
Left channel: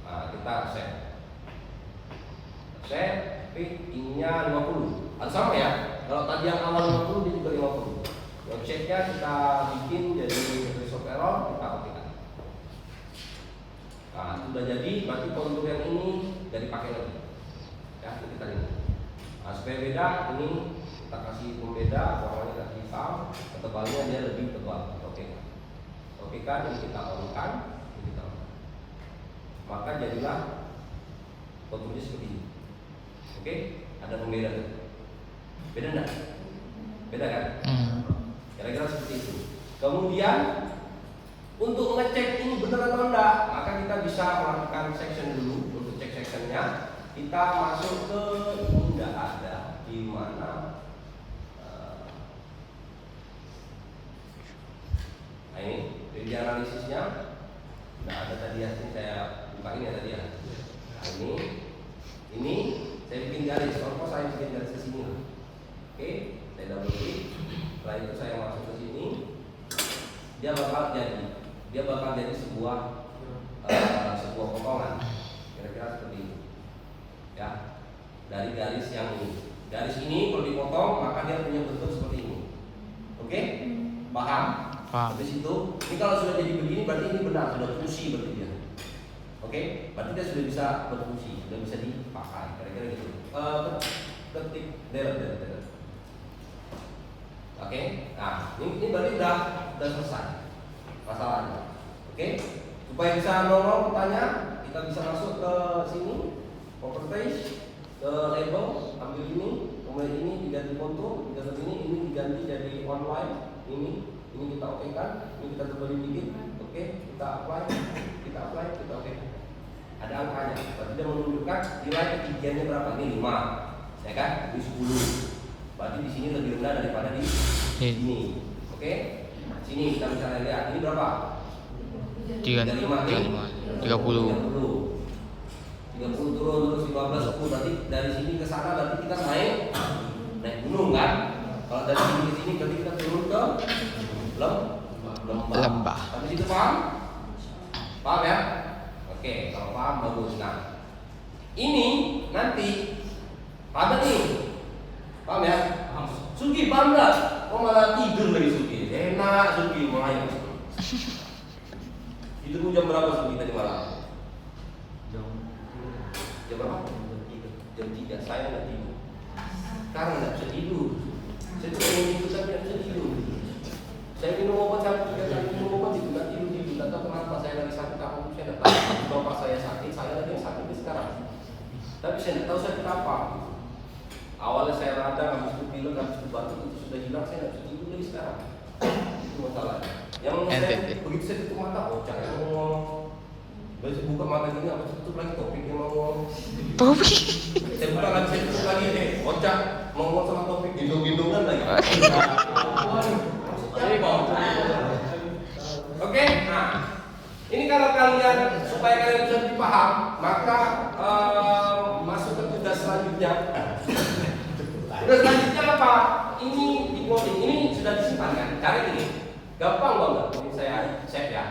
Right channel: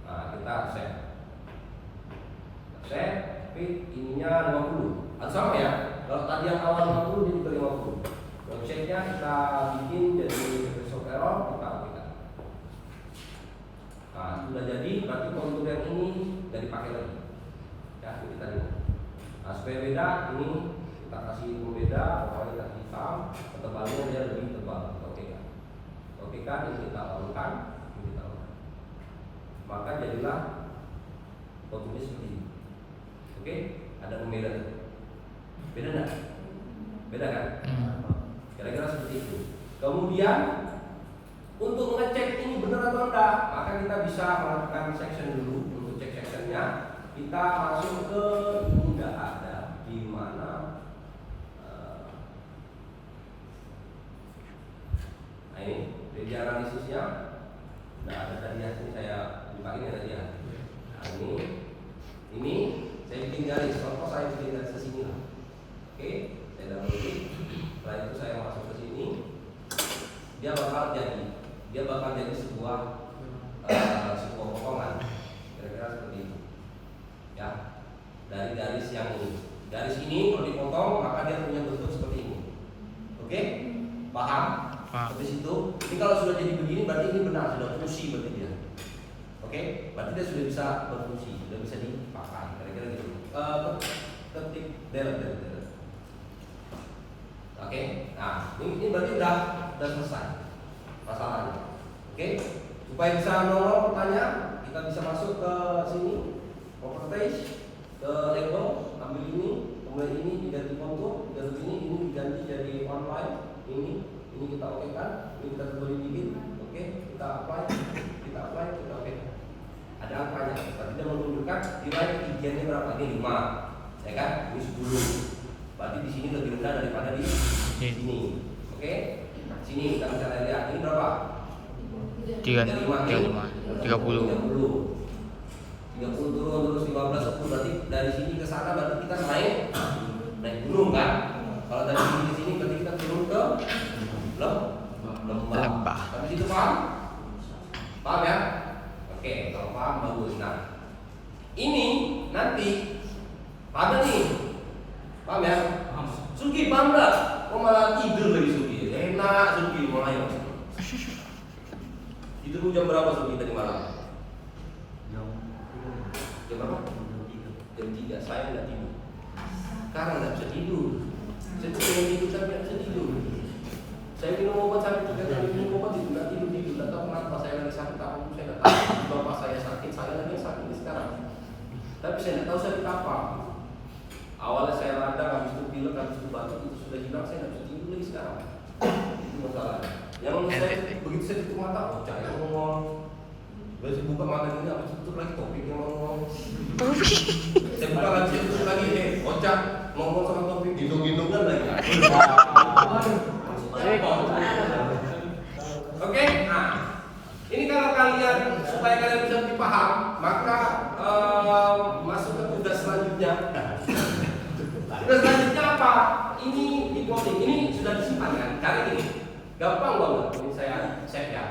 Nah, kita save. Ininya 50. Sama ya. Kalau tadi yang awal 50, ini juga 50. Checknya kita bikin jadi resolve error, kita aktifkan. Nah, sudah jadi. Berarti kontur yang ini jadi pakai lagi. Ya, itu tadi. Nah, supaya beda, ini kita kasih pembeda, awalnya hitam, ketebalnya dia lebih tebal. Oke kan, ini kita taruhkan, maka jadilah konturnya seperti ini. Oke, ada pembeda. Beda enggak? Beda kan? Kira-kira seperti itu. Kemudian untuk ngecek ini benar atau enggak, maka kita bisa melakukan section dulu. Untuk cek sectionnya, kita masuk ke ini enggak ada di mana analisisnya. Nah, ada tadi ya, ini saya buka ini tadi ya. Nah, ini saya bikin garis. Kok saya bikin garis ke sini? Oke, saya double klik. Setelah itu saya masuk ke sini. Dia bakal jadi sebuah potongan. Kira-kira seperti ini. Ya, dari garis yang ini. Garis ini kalau dipotong maka dia punya bentuk seperti ini. Oke? Paham? Paham. Habis itu, ini kalau sudah jadi begini berarti ini benar, sudah fungsi berarti dia. Oke? Berarti dia sudah bisa berfungsi, sudah bisa dipakai. Kira-kira gitu. Ketik delete. Oke? Nah, ini berarti udah selesai masalahnya. Oke? Supaya bisa nolong pertanyaan, kita bisa masuk ke sini, properties, ke label, ambil ini, kemudian ini diganti kontur, dan ini diganti jadi one line, ini kita oke kan, ini kita kembali dikit, oke, kita apply, kita oke. Ada angkanya, berarti dia menunjukkan nilai ketinggiannya berapa, ini 5, ya kan, ini 10, berarti di sini lebih rendah daripada di sini, oke, sini kita bisa lihat, ini berapa? 35 30 turun terus 15 10 berarti dari sini ke sana berarti kita naik gunung kan? Kalau dari sini ke sini berarti kita turun ke lembah. Habis itu paham? Paham ya? Oke, kalau paham bagus. Nah, ini nanti paham nih? Paham ya? Suki paham nggak? Kok malah tidur lagi Suki? Enak Suki malah. Itu jam berapa Suki tadi malam? Jam berapa? Jam 3, saya nggak tidur. Karena nggak bisa tidur. Saya tuh pengen tidur tapi nggak bisa tidur. Saya minum obat itu nggak tidur. Nggak tahu kenapa saya lagi sakit apa? Saya nggak tahu. Bapak saya sakit, saya lagi sakit sekarang. Tapi saya nggak tahu sakit apa. Awalnya saya radang, habis itu pilek, habis itu batuk itu sudah hilang. Saya nggak bisa tidur lagi sekarang. Itu masalah. Yang saya begitu saya tutup mata, cari ngomong. Begitu buka mata ini, habis tutup lagi topik yang ngomong. Topik. Saya buka lagi, saya tutup lagi nih. Ocak ngomong sama topik, gendong-gendongan lagi. Oke, nah ini kalau kalian supaya kalian bisa lebih paham, maka masuk ke tugas selanjutnya. Tugas selanjutnya apa? Ini di coding, ini sudah disimpan kan? Cari ini, gampang banget. Ini saya save ya.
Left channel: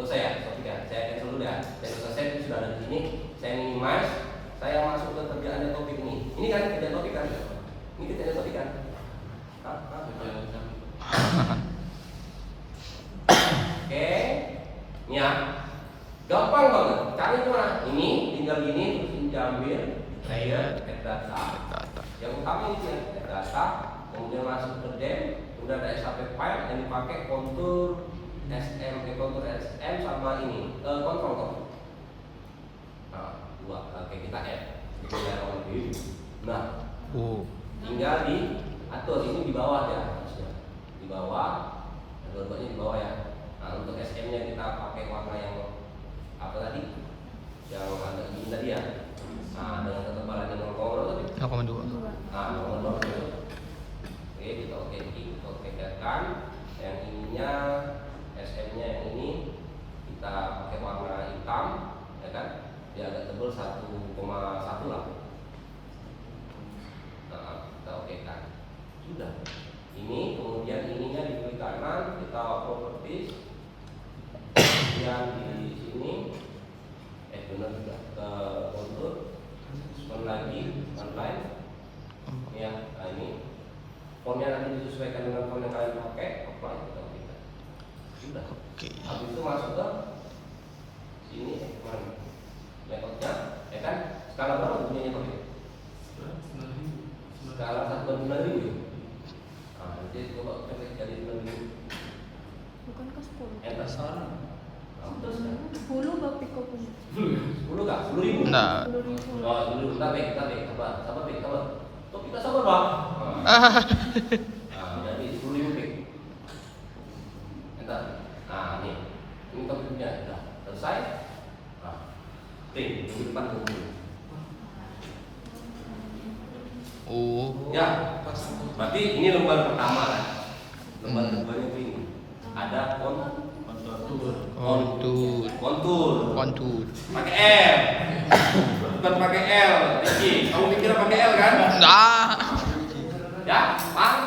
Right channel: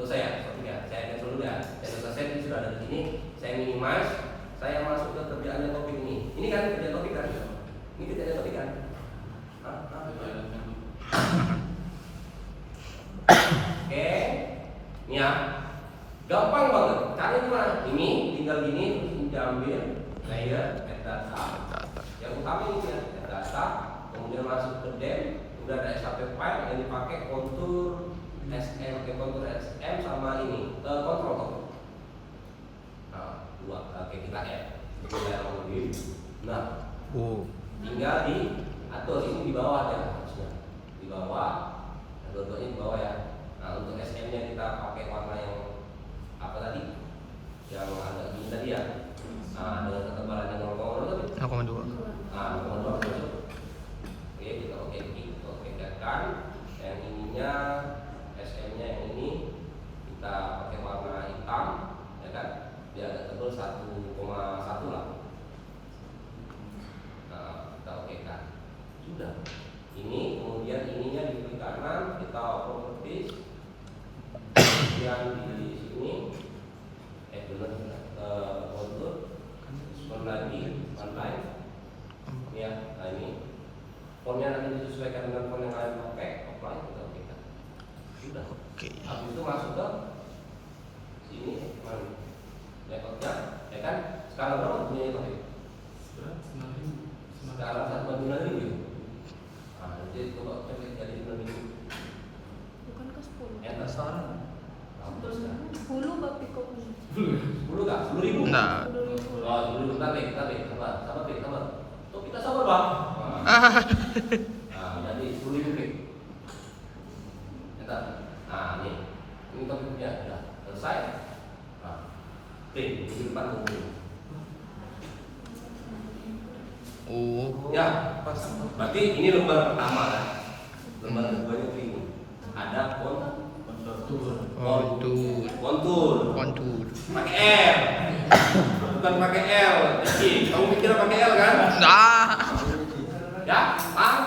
Saya cancel dulu ya. Saya sudah save, sudah ada di sini. Saya minimize. Saya masuk ke kerjaannya topik ini. Ini kan kerjaan topik kan? Ini kerjaan topik kan? Oke, ini ya, gampang banget. Caranya cuma ini, tinggal gini, terus diambil, saya add data. Yang utama ini add data, kemudian masuk ke dem, udah ada SAP file yang dipakai kontur SM sama ini, kontrol. Nah, dua, oke kita add. Nah, tinggal di atur ini di bawah ya, di bawah. Contohnya di bawah ya. Nah, untuk SM-nya kita pakai warna yang apa tadi? Yang agak dingin tadi ya. Nah, dengan ketebalan 0,2. Nah, 0,2. Oke, kita oke kan. Yang ininya SM-nya yang ini kita pakai warna hitam, ya kan? Dia agak tebal 1,1 lah. Nah, kita oke kan. Sudah. Ini kemudian ininya di klik kanan kita properties yang di sini benar ke kontur lagi online ya. Nah ini fontnya nanti disesuaikan dengan font yang kalian pakai, apply kita sudah. Habis itu masuk ke sini metodenya ya kan. Skala berapa punya pakai? Skala 1/9.000. Jadi coba kita jadi dulu. Enter sana. 10 kopi. 10 enggak? 10.000? Nah. Oh, dulu sabar. Kok kita sabar, Bang? Nah, jadi 10.000 P. Enter. Nah, ini topiknya sudah selesai. Nah, oke, ini kita tunggu. Ya, berarti ini lembar pertama. Lembar kedua ini ada Kontur. Kontur. Kontur. Pakai L. Bukan pakai L. Jadi, kamu pikir pakai L kan? Ah. Ya, paham?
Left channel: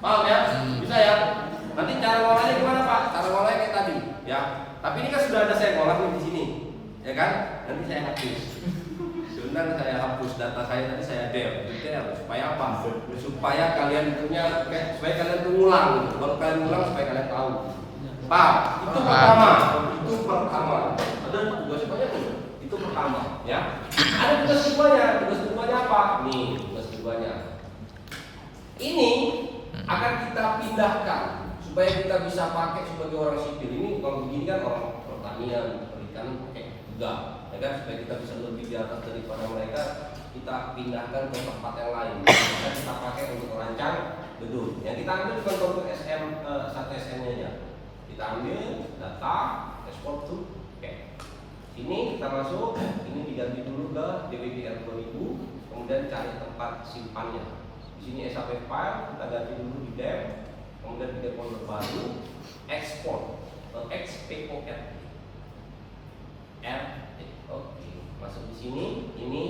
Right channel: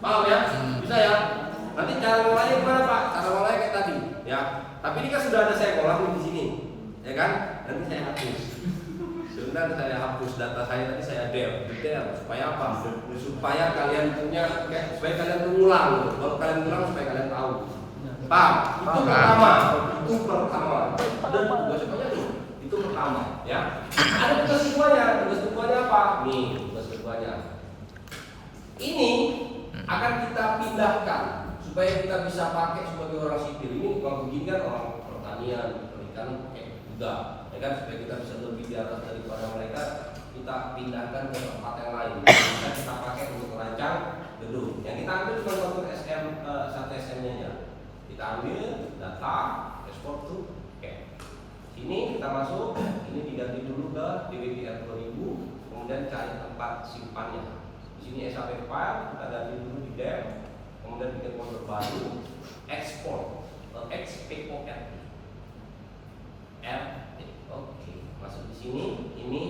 Paham ya? Bisa ya? Nanti cara ngolahnya gimana Pak? Cara ngolahnya kayak tadi, ya. Tapi ini kan sudah ada saya ngolah di sini, ya kan? Nanti saya hapus. Sebenarnya saya hapus data saya tadi saya delete. Supaya apa? Supaya kalian punya, supaya kalian mengulang. Kalau kalian ulang supaya kalian tahu. Paham? Itu pertama. Itu pertama. Ada tugas semuanya tuh. Itu pertama, ya. Ada tugas semuanya. Tugas semuanya apa? Nih, tugas semuanya. Ini akan kita pindahkan supaya kita bisa pakai sebagai orang sipil. Ini kalau begini kan orang pertanian, perikanan pakai juga, ya kan? Supaya kita bisa lebih di atas daripada mereka, kita pindahkan ke tempat yang lain. Maka kita pakai untuk merancang gedung. Yang kita ambil bukan bentuk SM satu SM-nya ya. Kita ambil data, ekspor to, oke. Sini kita masuk, ini diganti dulu ke DWBR 2000, kemudian cari tempat simpannya. Di sini SAP file, kita ganti dulu di dev, kemudian bikin folder baru, export atau XPOR. Oke, masuk di sini, ini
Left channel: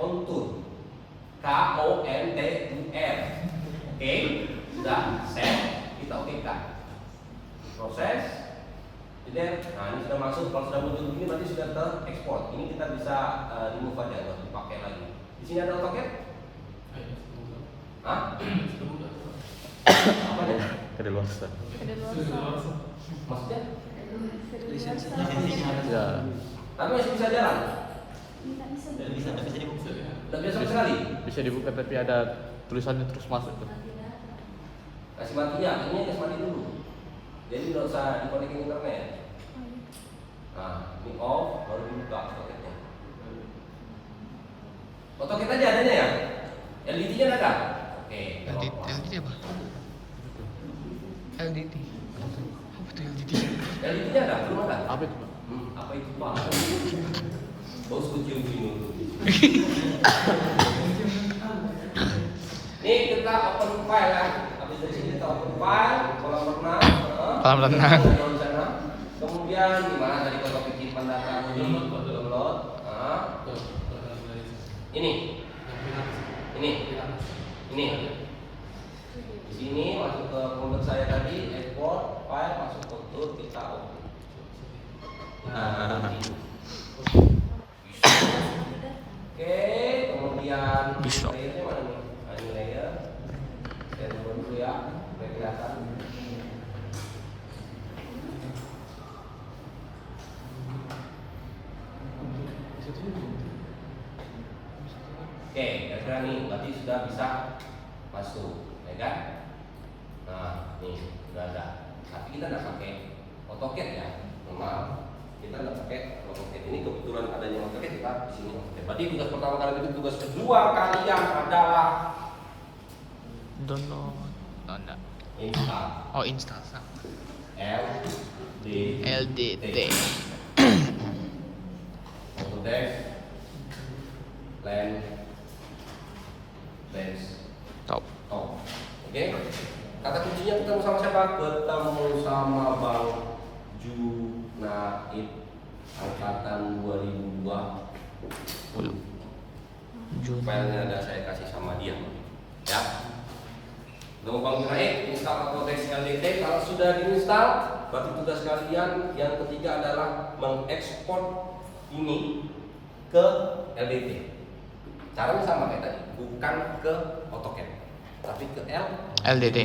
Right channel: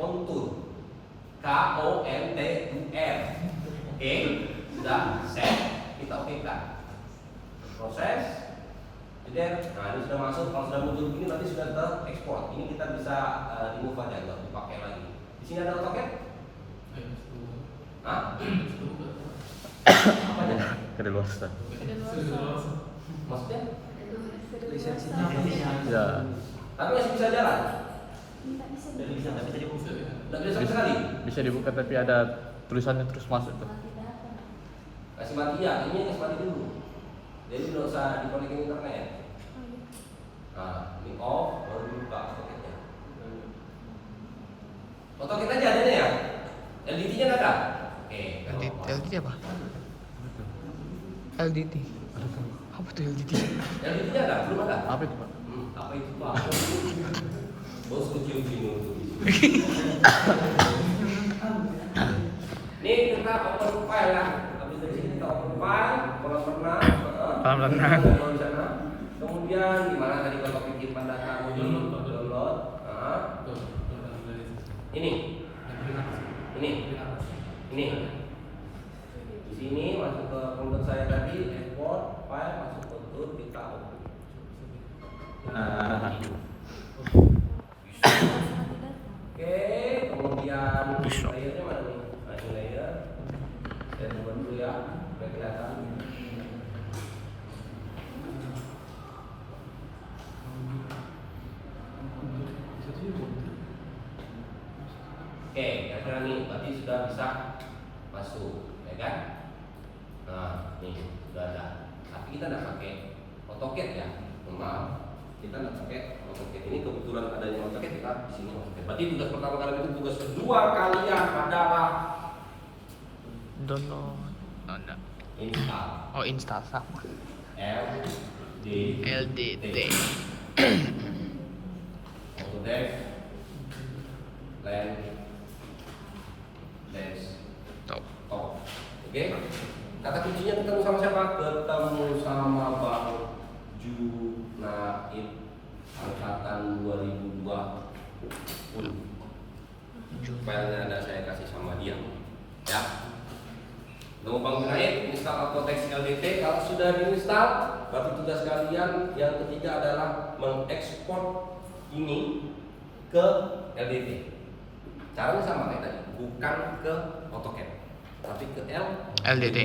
kontur, KONTUR. Oke, sudah set, kita okekan. Proses, jadi, nah ini sudah masuk. Kalau sudah muncul begini berarti sudah terekspor. Ini kita bisa remove aja, nggak dipakai lagi. Di sini ada AutoCAD? Hah? Apa ya? Maksudnya? Ya. Tapi masih bisa jalan? Nggak bisa sama sekali? Bisa dibuka tapi ada tulisannya terus masuk. Kasih mati ya, ini kasih mati dulu. Jadi nggak usah di-connecting internet. Nah, ini off, baru buka AutoCAD-nya. AutoCAD aja adanya ya? LDT-nya ada nggak? Oke. LDT apa? LDT. Apa tuh LDT? LDT-nya ada? Belum ada? Apa itu? Apa itu Pak? Bos kecil gini. Nih kita open file ya. Habis dari sini kita open file, kolam renang. Kolam renang. Kemudian di mana tadi kalau bikin tanda tangan ini download. Ini. Di sini masuk ke folder saya tadi, export file masuk ke tool kita open. Oke, kemudian Bisa. layernya mana nih? Nah, ini layer. Saya coba dulu ya, biar kelihatan. Oke, kira-kira nih, berarti sudah bisa masuk, ya kan? Nah, nih sudah ada. Tapi kita nggak pakai AutoCAD ya, normal. Kita nggak pakai AutoCAD. Ini kebetulan adanya AutoCAD kita di sini. Berarti tugas pertama kali itu tugas kedua kalian adalah Download. Oh, enggak. install Oh, install sama. LDT. Autodesk Land Top. Oke. Kata kuncinya ketemu sama siapa? Ketemu sama Bang Junaid angkatan 2002. Filenya ada saya kasih sama dia. Ya. Nama Bang Junaid, install Autodesk LDT. Kalau sudah diinstal, berarti tugas kalian yang ketiga adalah mengekspor ini ke LDT. Caranya sama kayak tadi, bukan ke AutoCAD, tapi ke LDT.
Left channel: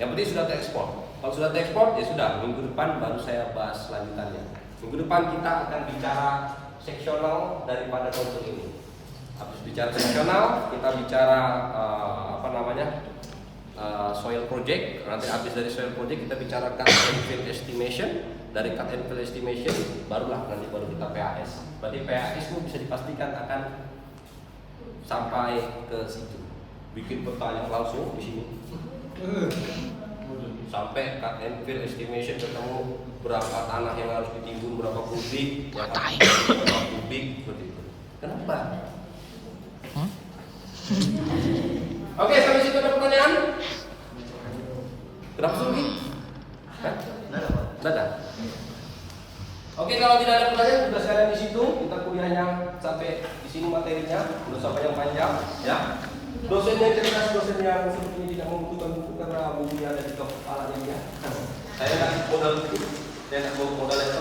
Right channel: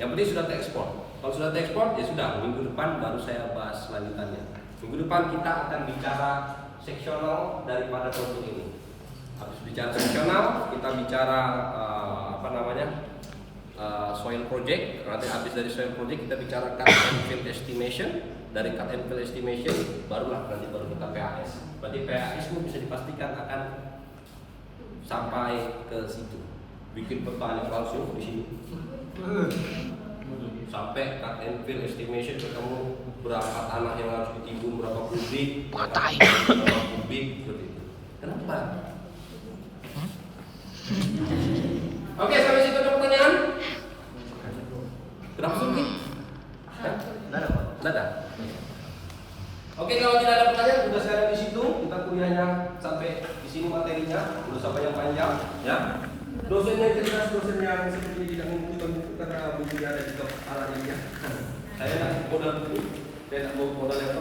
Yang penting sudah terekspor. Kalau sudah terekspor, ya sudah. Minggu depan baru saya bahas lanjutannya. Minggu depan kita akan bicara seksional daripada kontur ini. Habis bicara seksional, kita bicara soil project. Nanti habis dari soil project kita bicara cut and fill estimation. Dari cut and fill estimation, barulah nanti baru kita PAS. Berarti PAS itu bisa dipastikan akan sampai ke situ. Bikin pertanyaan langsung di sini. Sampai cut and fill estimation ketemu berapa tanah yang harus ditimbun, berapa kubik, berapa kubik seperti itu. Kenapa? Oke, sampai situ ada pertanyaan? Kenapa sih? Nggak ada Pak. Dadah. Oke, kalau tidak ada pertanyaan, sudah sekalian di situ kita kuliahnya sampai di sini materinya, belum sampai yang panjang, ya. Dosen yang cerdas, dosen yang sepertinya tidak membutuhkan buku karena bukunya ada di kepala dia. Saya nggak modal buku, saya nggak bawa modal yang